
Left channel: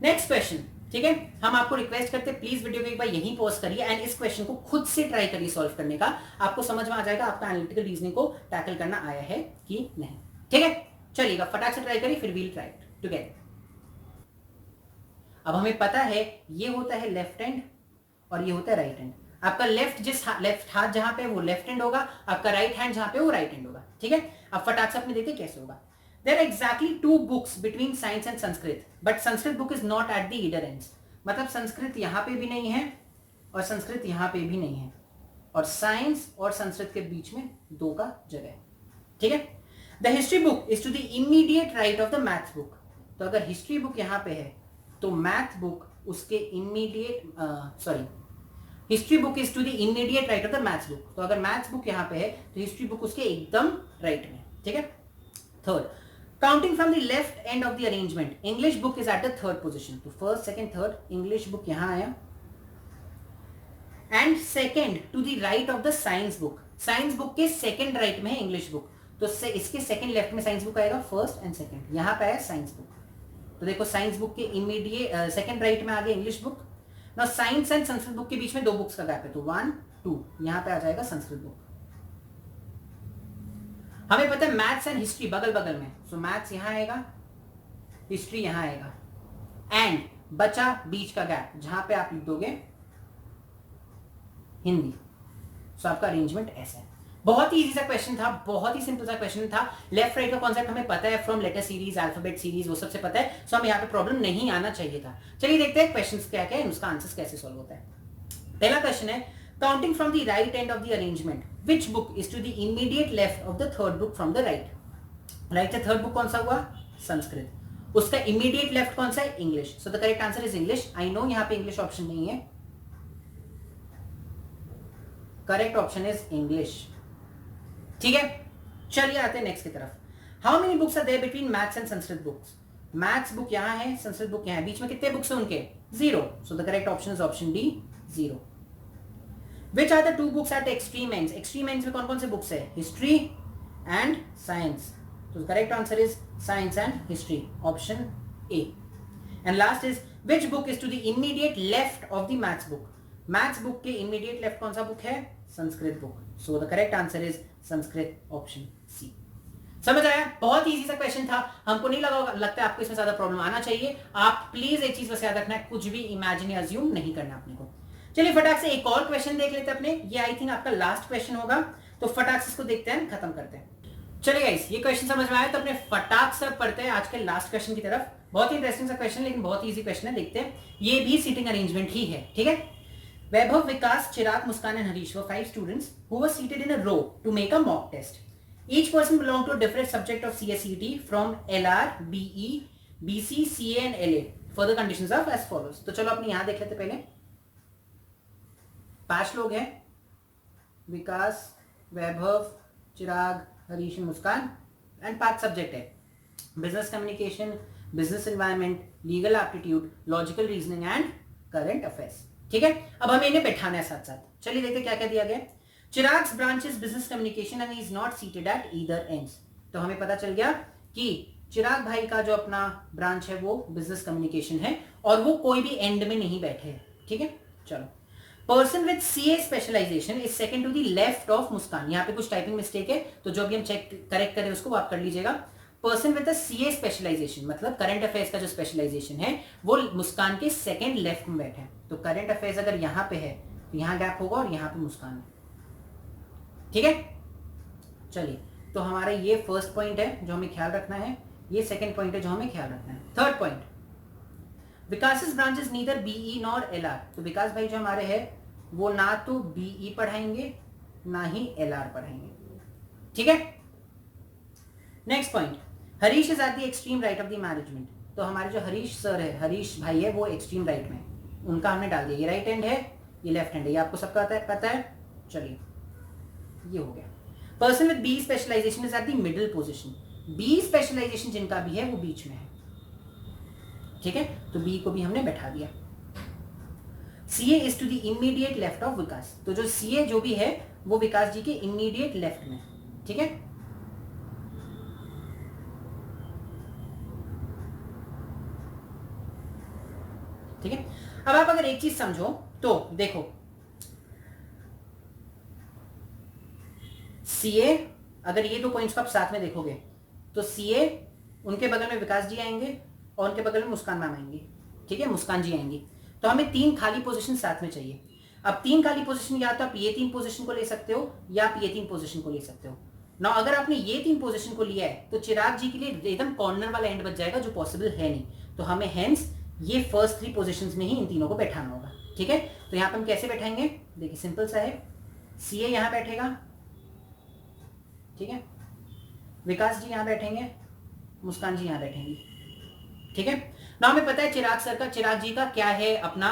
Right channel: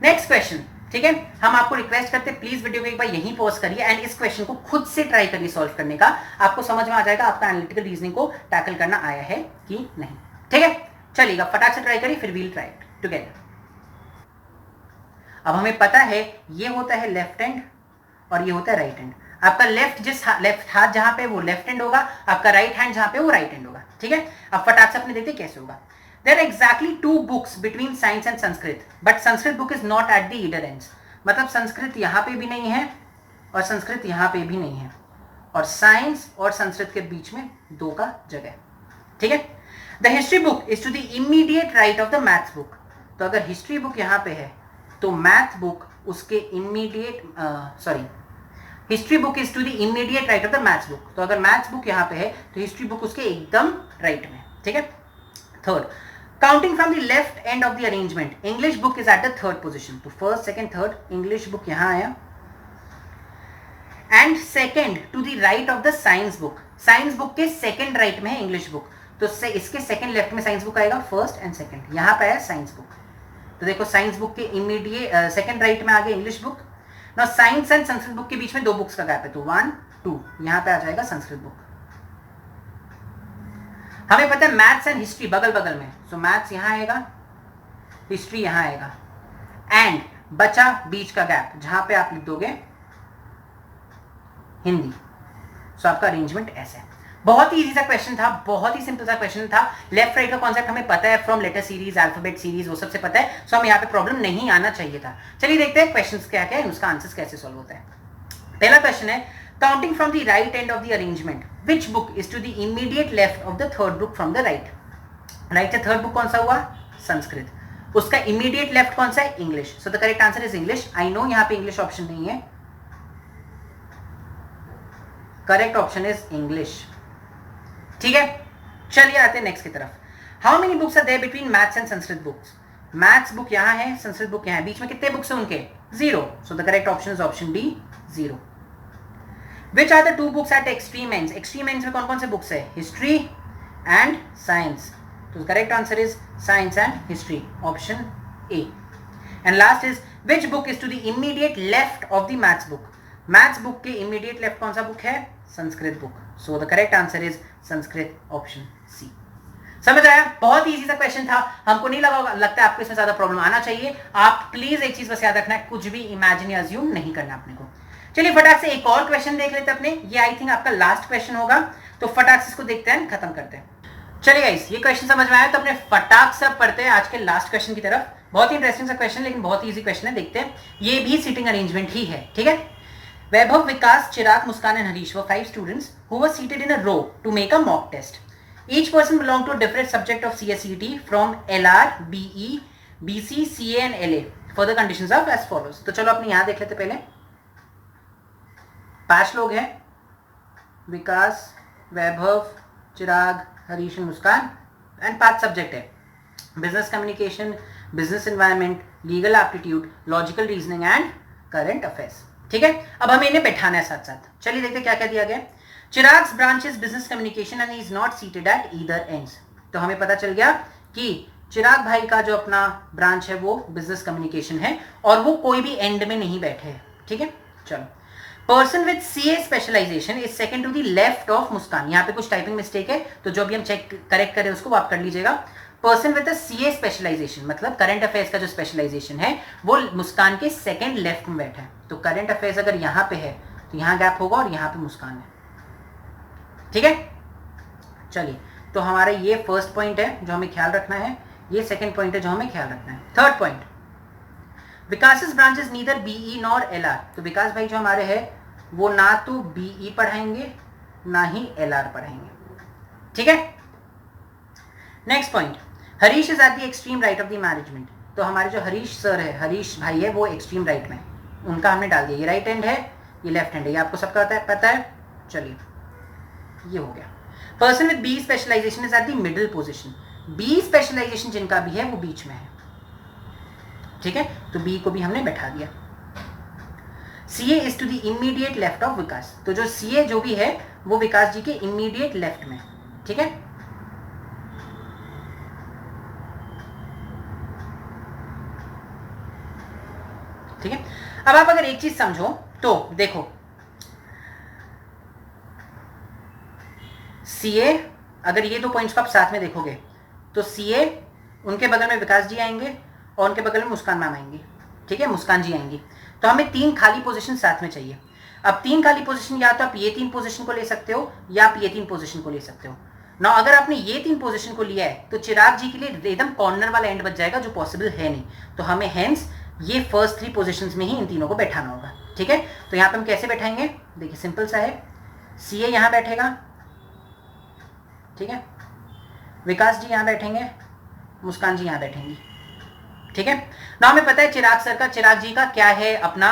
नेक्स्ट क्वेश्चन। ठीक है, हम आपको रिक्वेस्ट करते हैं प्लीज वीडियो को एक बार यहीं पॉज करिए एंड इस क्वेश्चन को खुद से ट्राई करिए सॉल्व करने का। आपको समझ में आ जाएगा आपका एनालिटिकल रीजनिंग को टैकल करना आया है कि नहीं। ठीक है, चलिएगा, फटाक से ट्राई करिए, फिर वील ट्राई टुगेदर। अब हमें पता है ये होता है लेफ्ट हैंड और ये होता है राइट हैंड। आपका लेफ्ट हाथ जहां पे वो लेफ्ट हैंड होगा, आपका राइट हैंड जहां पे वो राइट हैंड होगा। ठीक है, अब फटाक से अपने देखते कैसे होगा। There are exactly 2 books between science and Sanskrit, but Sanskrit book is not at the either ends. मतलब संस्कृत यहाँ पे भी नहीं है और संस्कृत यहाँ पे भी नहीं है, और साइंस और संस्कृत के बीच में 2 का जगह। ठीक है, The history book is to the immediate right of the maths book. तो अगर हिस्ट्री बुक यहाँ पे है तो मैथ बुक उसके immediate history book is to the immediate right of the maths book. तो अगर मैथ्स बुक यहाँ पे है तो हिस्ट्री बुक उसके एकदम राइट में। ठीक है, third, counting from the left end of the arrangement, English book is at the third position. तो first, second, third, English book यहां आया and second to the right of the science book. Science book के सेकेंड राइट में है इंग्लिश बुक, तो इसके सेकेंड लेफ्ट में साइंस बुक आएगा, फर्स्ट एंड सेकेंड। यहां पे आया साइंस बुक, तो देखो साइंस बुक के इमीडिएट सेकेंड राइट में आ गया English book. Now science and Sanskrit book के बीच में 2 बुक्स का गैप है, तो 1, 2, यहां पे आ जाएगा संस्कृत बुक। हमें पता है मैथ्स एंड हिस्ट्री बगल बगल में, सो मैथ्स यहां आएगा, हिस्ट्री यहां आएगा, एंड बचा बीच का गैप जहां पे आप लिख दोगे हिंदी। सो आपका अरेंजमेंट ऐसा है। बहुत ही इजी सा क्वेश्चन था, बहुत ही सिंपल सा क्वेश्चन था। लेफ्ट राइट का कॉन्सेप्ट हमें पता है from letter series, alphabet series, वो सबसे पता है, सो हमें यहाँ पे प्रॉब्लम नहीं आना चाहिए था। चलिए देखते हैं क्वेश्चंस क्या क्या है, उसका आंसर कैसे सॉल्व होता है। पहला क्वेश्चन है, counting from the right end of the arrangement, which book is to the immediate left of the third book from the right. Right से थर्ड बुक कौन सा हुआ? संस्कृत। उसका इमीडिएट लेफ्ट कौन सा है? English. So the correct answer is English. I know यहाँ पे इंग्लिश ऑप्शन नहीं है, करेक्ट ऑप्शन इज इंग्लिश। ठीक है, चलिए आते हैं नेक्स्ट की तरफ। How many books are there between maths and Sanskrit books. Maths book यहां है, संस्कृत बुक यहां है, बीच में कितने बुक्स हैं उनके? 0। So the correct option is option D, 0। Which are the 2 books at extreme ends. Extreme ends में कौन कौन से बुक्स है? History and science. तो correct answer is science and history, option A. And last is which book is to the immediate left of the maths book. Maths book के इमीडिएट लेफ्ट कौन सा बुक है? Sanskrit book. So the correct answer is Sanskrit, option C. समझ आया? बहुत ही इजी सा क्वेश्चन था, हमको नहीं लगता है आपको इसमें ज्यादा प्रॉब्लम आना चाहिए। आप प्लीज एक चीज बस याद रखना है, कुछ भी इमेजिन या अज्यूम नहीं करना अपने को। चलिए फटाक से एक और क्वेश्चन देख लेते हैं अपने, ये आई थिंक आपका लास्ट क्वेश्चन होगा, तो फटाक से इसको देखते हैं, खत्म करते हैं। चलिए गाइस, ये क्वेश्चन समझ में आया तो अपने फटाक से पढ़ते हैं आज के लास्ट क्वेश्चन की तरफ। बहुत ही इंटरेस्टिंग सा क्वेश्चन, लेकिन बहुत ही इजी क्वेश्चन है, देखते हैं। ये भी सीटिंग अरेंजमेंट ही है, ठीक है। वैभव, विकास, चिराग, मुस्कान and Harish were 5 students who were seated in a row to make a mock test. Each person belong to different subject of CSCT फ्रॉम LR, BE, BC, CA and LA. Further conditions are as follows. तो चलो अपने यहां देख लेते पहले. 5 लोग हैं, विकास, वैभव, चिराग, हरीश, मुस्कान, एंड 5 सब्जेक्ट है. Business communication, business environment, legal aptitude, logical reasoning and current affairs. ठीक है, अब हमें इन्हें बैठाना है साथ साथ. चलिए देखते क्या क्या दिया गया. Chirag's branch is business communication and is not seated at either ends. तो हमें पता चल गया कि चिराग भाई का जो अपना ब्रांच है वो बिजनेस कम्युनिकेशन है और वो कोई भी एंड में नहीं बैठे हैं. ठीक है, चलो. Person with CA specialization is second to the left of Muskan. यहाँ पे कुछ टाइपिंग मिस्टेक है तो जो भी हम चेक करेक्ट करें उसको आप कर लीजिएगा. पर्सन विद CA स्पेशलाइजेशन मतलब करंट अफेयर्स का जो स्पेशलाइजेशन है वो मुस्कान के सेकंड लेफ्ट में बैठा है. तो करंट अफेयर्स अगर यहाँ पे है तो यहाँ गैप होगा और यहाँ पे मुस्कान है. ठीक है, चलिए. तो हमारा ये फर्स्ट पॉइंट है जो हमें ख्याल रखना है, ये सेकंड पॉइंट है जो हमें ख्याल रखना है. Third point, Vikas branch is neither BE nor LR. तो विकास भाई जो हमारे हैं वो ना तो BE पढ़ाएंगे ना ही LR पढ़ाएंगे. ठीक है, next point, Harish is at the extreme right of the management. तो हमारे जो हरीश सर है, हरीश भाई है, वो एक्सट्रीम राइट में, उनका हमने डाल दिया. ये राइट हैंड है, ये लेफ्ट हैंड है, ये आपको सबका पता है. चलिए, ये हो गया. Person with B specialization is at the middle position. B specialization जिनका भी है वो बीच में है. ठीक है, तो B को भी हमने बैठा दिया. CA is to the immediate left of Vikas. तो जो CA जो भी है वो विकास जी के इमीडिएट लेफ्ट में. ठीक है, ठीक है. अब आप अगर एक चीज समझो तो देखो, CA अगर ये 2 पॉइंट्स को आप साथ में देखोगे तो CA उनके बगल में विकास जी आएंगे और उनके बगल में मुस्कान मैम आएंगी. ठीक है, मुस्कान जी आएंगी. तो हमें 3 खाली पोजीशन साथ में चाहिए. अब 3 खाली पोजीशन या तो आप ये 3 पोजीशन को ले सकते हो या आप ये 3 पोजीशन को ले सकते हो ना. अगर आपने ये 3 पोजीशन को लिया है तो चिराग जी के लिए एकदम कॉर्नर वाला एंड बच जाएगा जो पॉसिबल है नहीं. तो हमें हेंस ये फर्स्ट 3 पोजीशंस में ही इन तीनों को बैठाना होगा. ठीक है, तो यहाँ पे हम कैसे बैठाएंगे, देखिए सिंपल सा है. CA यहाँ बैठेगा, ठीक है, विकास जी यहाँ बैठेंगे, मुस्कान जी यहाँ बैठेंगी. ठीक है ना. हमें पता है चिराग जी का क्या है अपना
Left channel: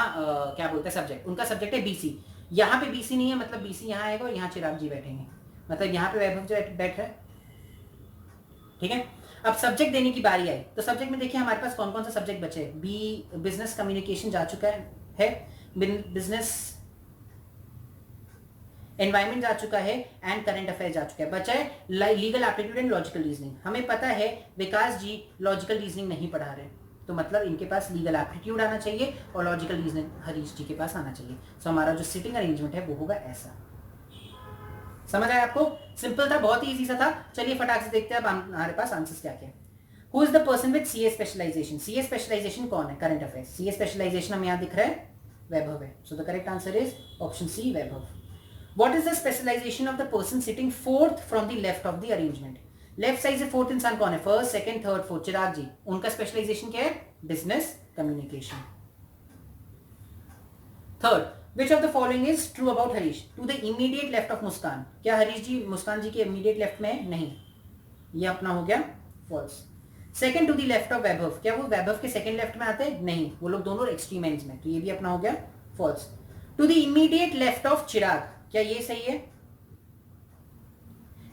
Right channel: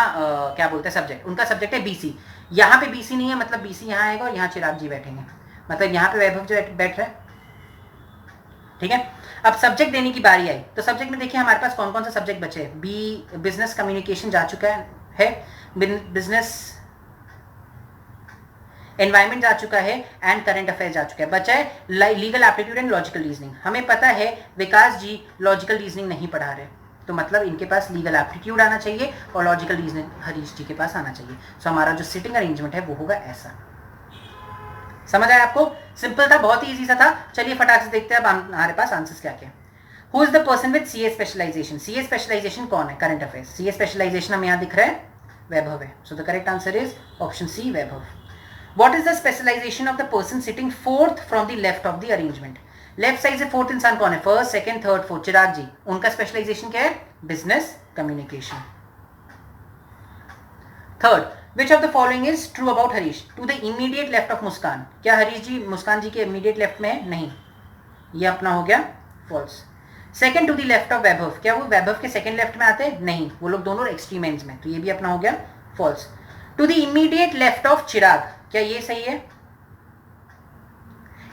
क्या बोलते हैं सब्जेक्ट, उनका सब्जेक्ट है BC. यहाँ पे BC नहीं है मतलब BC यहाँ आएगा और यहाँ चिराग जी बैठेंगे, मतलब यहाँ पे वैभव जो बैठ रहा है. ठीक है, अब सब्जेक्ट देने की बारी आई तो सब्जेक्ट में देखिए हमारे पास कौन कौन सा सब्जेक्ट बचे हैं. बिजनेस कम्युनिकेशन जा चुका है, बिजनेस एनवायरमेंट जा चुका है एंड करंट अफेयर्स जा चुका है. बचा है legal aptitude and logical reasoning. हमें पता है विकास जी लॉजिकल रीजनिंग नहीं पढ़ा रहे तो मतलब इनके पास लीगल एप्टीट्यूड आना चाहिए और लॉजिकल रीजनिंग हरीश जी के पास आना चाहिए. सो हमारा जो सिटिंग अरेंजमेंट है वो होगा ऐसा. समझ आया आपको? सिंपल था, बहुत ही इजी सा था. चलिए फटाक से देखते हैं अब हमारे पास आंसर्स क्या क्या. Who is the person with CA specialization. CA specialization कौन है? Current affairs. CA स्पेशलाइजेशन हमें यहाँ दिख रहा है वैभव है. So the correct answer is option C, Vaibhav. What is the specialization of the person sitting fourth from the left of the arrangement? Left side से फोर्थ इंसान कौन है? First, second, third, fourth. Chirag ji. उनका स्पेशलाइजेशन क्या है? Business communication. Third, which of the following is true about Harish? To the immediate left of Muskan. क्या हरीश जी मुस्कान जी के इमीडिएट लेफ्ट में है? नहीं, ये अपना हो गया false. Second, to the left of Vaibhav. क्या वो वैभव के सेकंड लेफ्ट में आते हैं? नहीं, वो लोग दोनों एक्सट्रीम एंड्स में. तो ये भी अपना हो गया false. To the immediate left of Chirag. क्या ये सही है?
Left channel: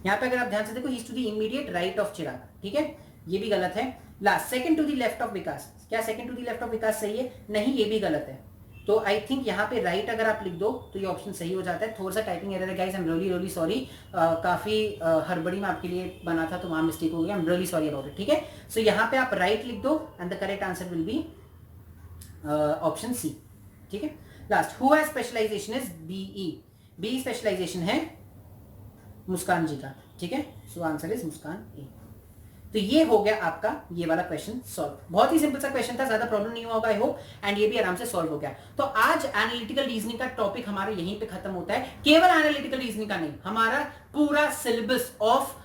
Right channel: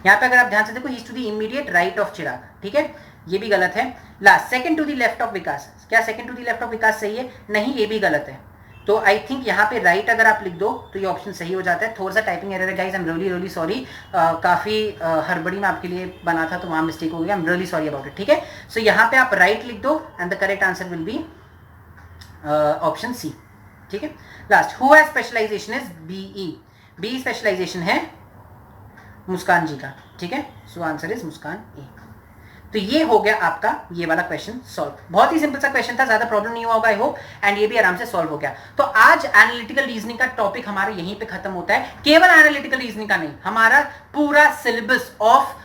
यहां पे अगर आप ध्यान से देखो, he is to the immediate right of Chirag. ठीक है, ये भी गलत है. Last, second to the left of Vikas. क्या second to the left of Vikas सही है? नहीं, ये भी गलत है. तो आई थिंक यहाँ पे राइट अगर आप लिख दो तो ये ऑप्शन सही हो जाता है. थोड़ा सा टाइपिंग एरर है guys, I am really sorry. काफी हड़बड़ी में आपके लिए बना था तो वहां मिस्टेक हो गया. I am really sorry about it. ठीक है, सो यहाँ पे आप राइट लिख दो and the correct answer will be option C. ठीक है, last, who has specialization is BE. B specialization है मुस्कान जी का. ठीक है, so answer is Muskan A. तो ये हो गया आपका ये वाला क्वेश्चन सॉल्व. बहुत ही सिंपल सा क्वेश्चन था, ज्यादा प्रॉब्लम नहीं हुआ होगा आई होप. एंड ये भी आराम से सॉल्व हो गया. तो आज एनालिटिकल रीजनिंग का टॉपिक हमारा यहीं पे खत्म होता है. केवल एनालिटिकल रीजनिंग का नहीं, हमारा पूरा सिलेबस ऑफ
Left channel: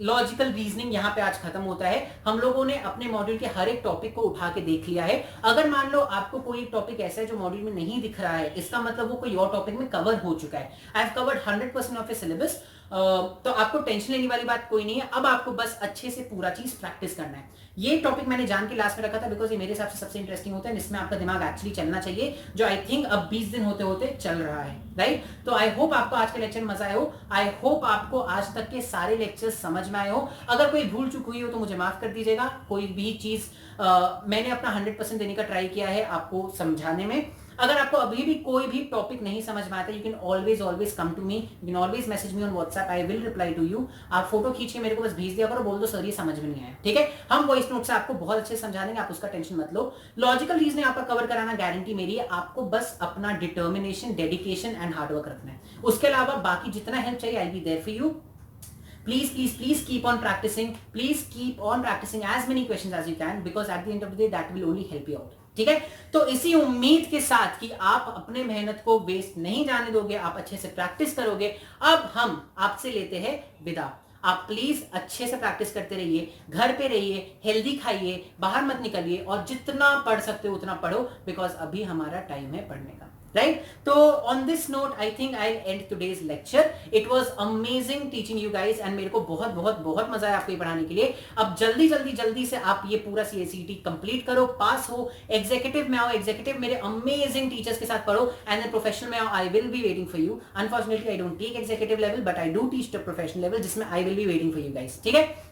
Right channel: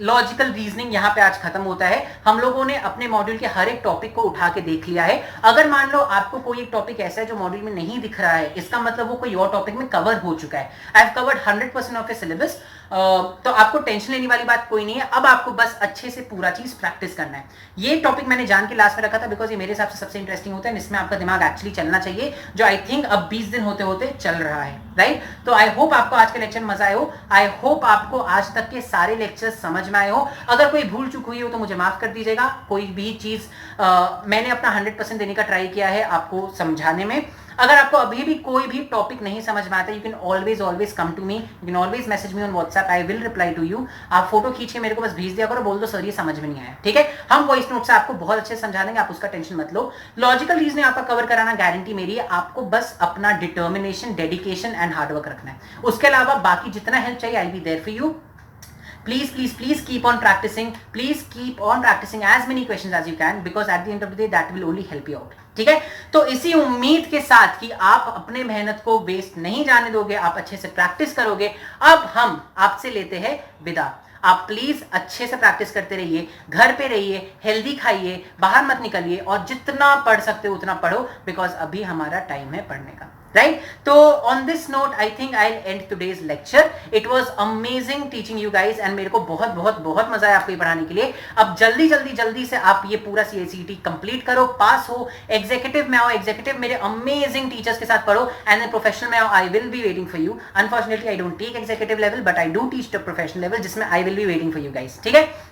लॉजिकल रीजनिंग यहाँ पे आज खत्म होता है. हम लोगों ने अपने मॉड्यूल के हर एक टॉपिक को उठा के देख लिया है. अगर मान लो आपको कोई एक टॉपिक ऐसा है जो मॉड्यूल में नहीं दिख रहा है, इसका मतलब वो कोई और टॉपिक में कवर हो चुका है. I have covered 100% of A syllabus. तो आपको टेंशन लेने वाली बात कोई नहीं है। अब आपको बस अच्छे से पूरा चीज प्रैक्टिस करना है। ये टॉपिक मैंने जान के लास्ट में रखा था बिकॉज ये मेरे हिसाब से सबसे इंटरेस्टिंग होता है, इसमें आपका दिमाग एक्चुअली चलना चाहिए, जो आई थिंक अब 20 दिन होते होते चल रहा है, राइट। तो आई होप आपको आज के लेक्चर मजा आए हो। आई होप आपको आज तक के सारे लेक्चर्स समझ में आए हो। अगर कोई भूल चूक हुई हो तो मुझे माफ कर दीजिएगा। कोई भी चीज मैंने अपना 100% देने का ट्राई किया है आपको समझाने में। अगर आपको अभी भी कोई भी टॉपिक नहीं समझ में आता, you can always come to me, you can always message me on WhatsApp, I will reply to you. आप फोटो खींच के मेरे को बस भेज दिया करो, बोल दो सर ये समझ में नहीं आया, ठीक है। हम वॉइस नोट से आपको बहुत अच्छे से समझा देंगे, आप उसका टेंशन मत लो। लॉजिकल रीजनिंग आपका कवर कराना गारंटी मेरी है। आपको बस अपना डिटर्मिनेशन, डेडिकेशन एंड हार्डवर्क रखना है। उसके अलावा बाकी जितना हेल्प चाहिए I will be there for you. Please keep on practicing. Please keep on practicing as many questions as you can because at the end of the day that will only help you out. ठीक है, तो इसी उम्मीद के साथ कि आप अपने मेहनत को वेस्ट नहीं जाने दोगे, आप अच्छे से प्रैक्टिस करोगे, अब हम आपसे लेते हैं विदा। आप प्लीज अच्छे से प्रैक्टिस करते रहिए, घर पे रहिए, हेल्दी खाइए, बाहर मत निकलिए और जितना पढ़ सकते हो उतना पढ़ो बिकॉज अभी हमारा टाइम है पढ़ने का, राइट। तो on this note I think I and today's lecture. It was amazing teaching you guys and मेरे को बहुत बहुत बहुत मजा आया आपको ये पढ़ाने के लिए। अब जल्दी से आप ये पूरा CACET कंप्लीट करो, पास हो, एग्जीक्यूटिव में आओ, एग्जीक्यूटिव मेरे अमेजिंग टीचर्स के साथ पढ़ो एंड प्रोफेशनल में आओ। I will be waiting for you. Unfortunately I don't take executive level but I do teach the professional level जिसमें I will be waiting for you guys, ठीक है।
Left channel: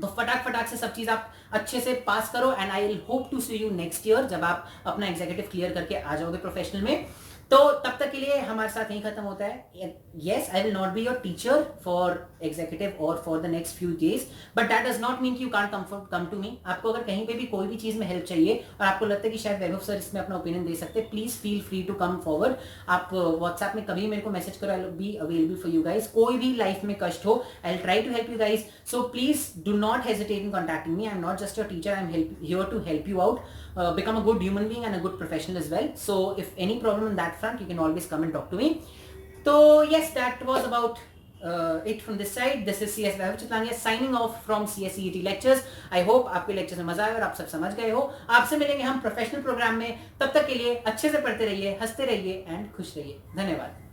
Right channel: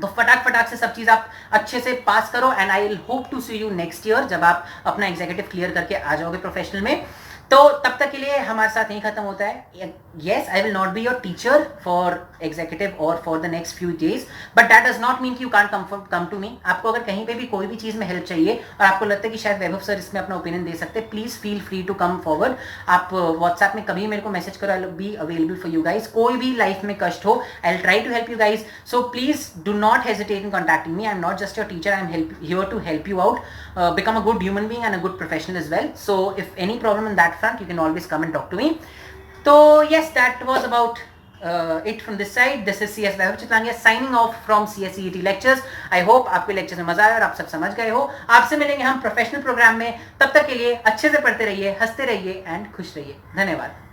तो फटाक से सब चीज आप अच्छे से पास करो and I will hope to see you next year जब आप अपना एग्जीक्यूटिव क्लियर करके आ जाओगे प्रोफेशनल में। तो तब तक के लिए हमारे साथ यही खत्म होता है। Yes, I will not be your teacher for executive or for the next few days, but that does not mean कि you can't come to me. आपको अगर कहीं पे भी कोई भी चीज में हेल्प चाहिए और आपको लगता है कि शायद वैभव सर इसमें अपना ओपिनियन दे सकते हैं, please feel free to come forward. आप व्हाट्सएप में कभी मेरे को मैसेज करो, I will be available for you guys. कोई भी लाइफ में कष्ट हो, I will try to help you guys. So please do not hesitate in contacting me. I am not just your teacher, I am here to help you out, become a good human being and a good professional as well. So if any problem in that front, you can always come and talk to me. So yes, that was about it from this side. This is CS Vaibhav Chitlangia signing off from CSCET lectures. I hope आपके लेक्चर में मजा आया और आप सब समझ गए हो। आपसे मिलेंगे हम प्रोफेशनल प्रोग्राम में, तब तक के लिए अच्छे से पढ़ते रहिए, हंसते रहिए एंड खुश रहिए। धन्यवाद।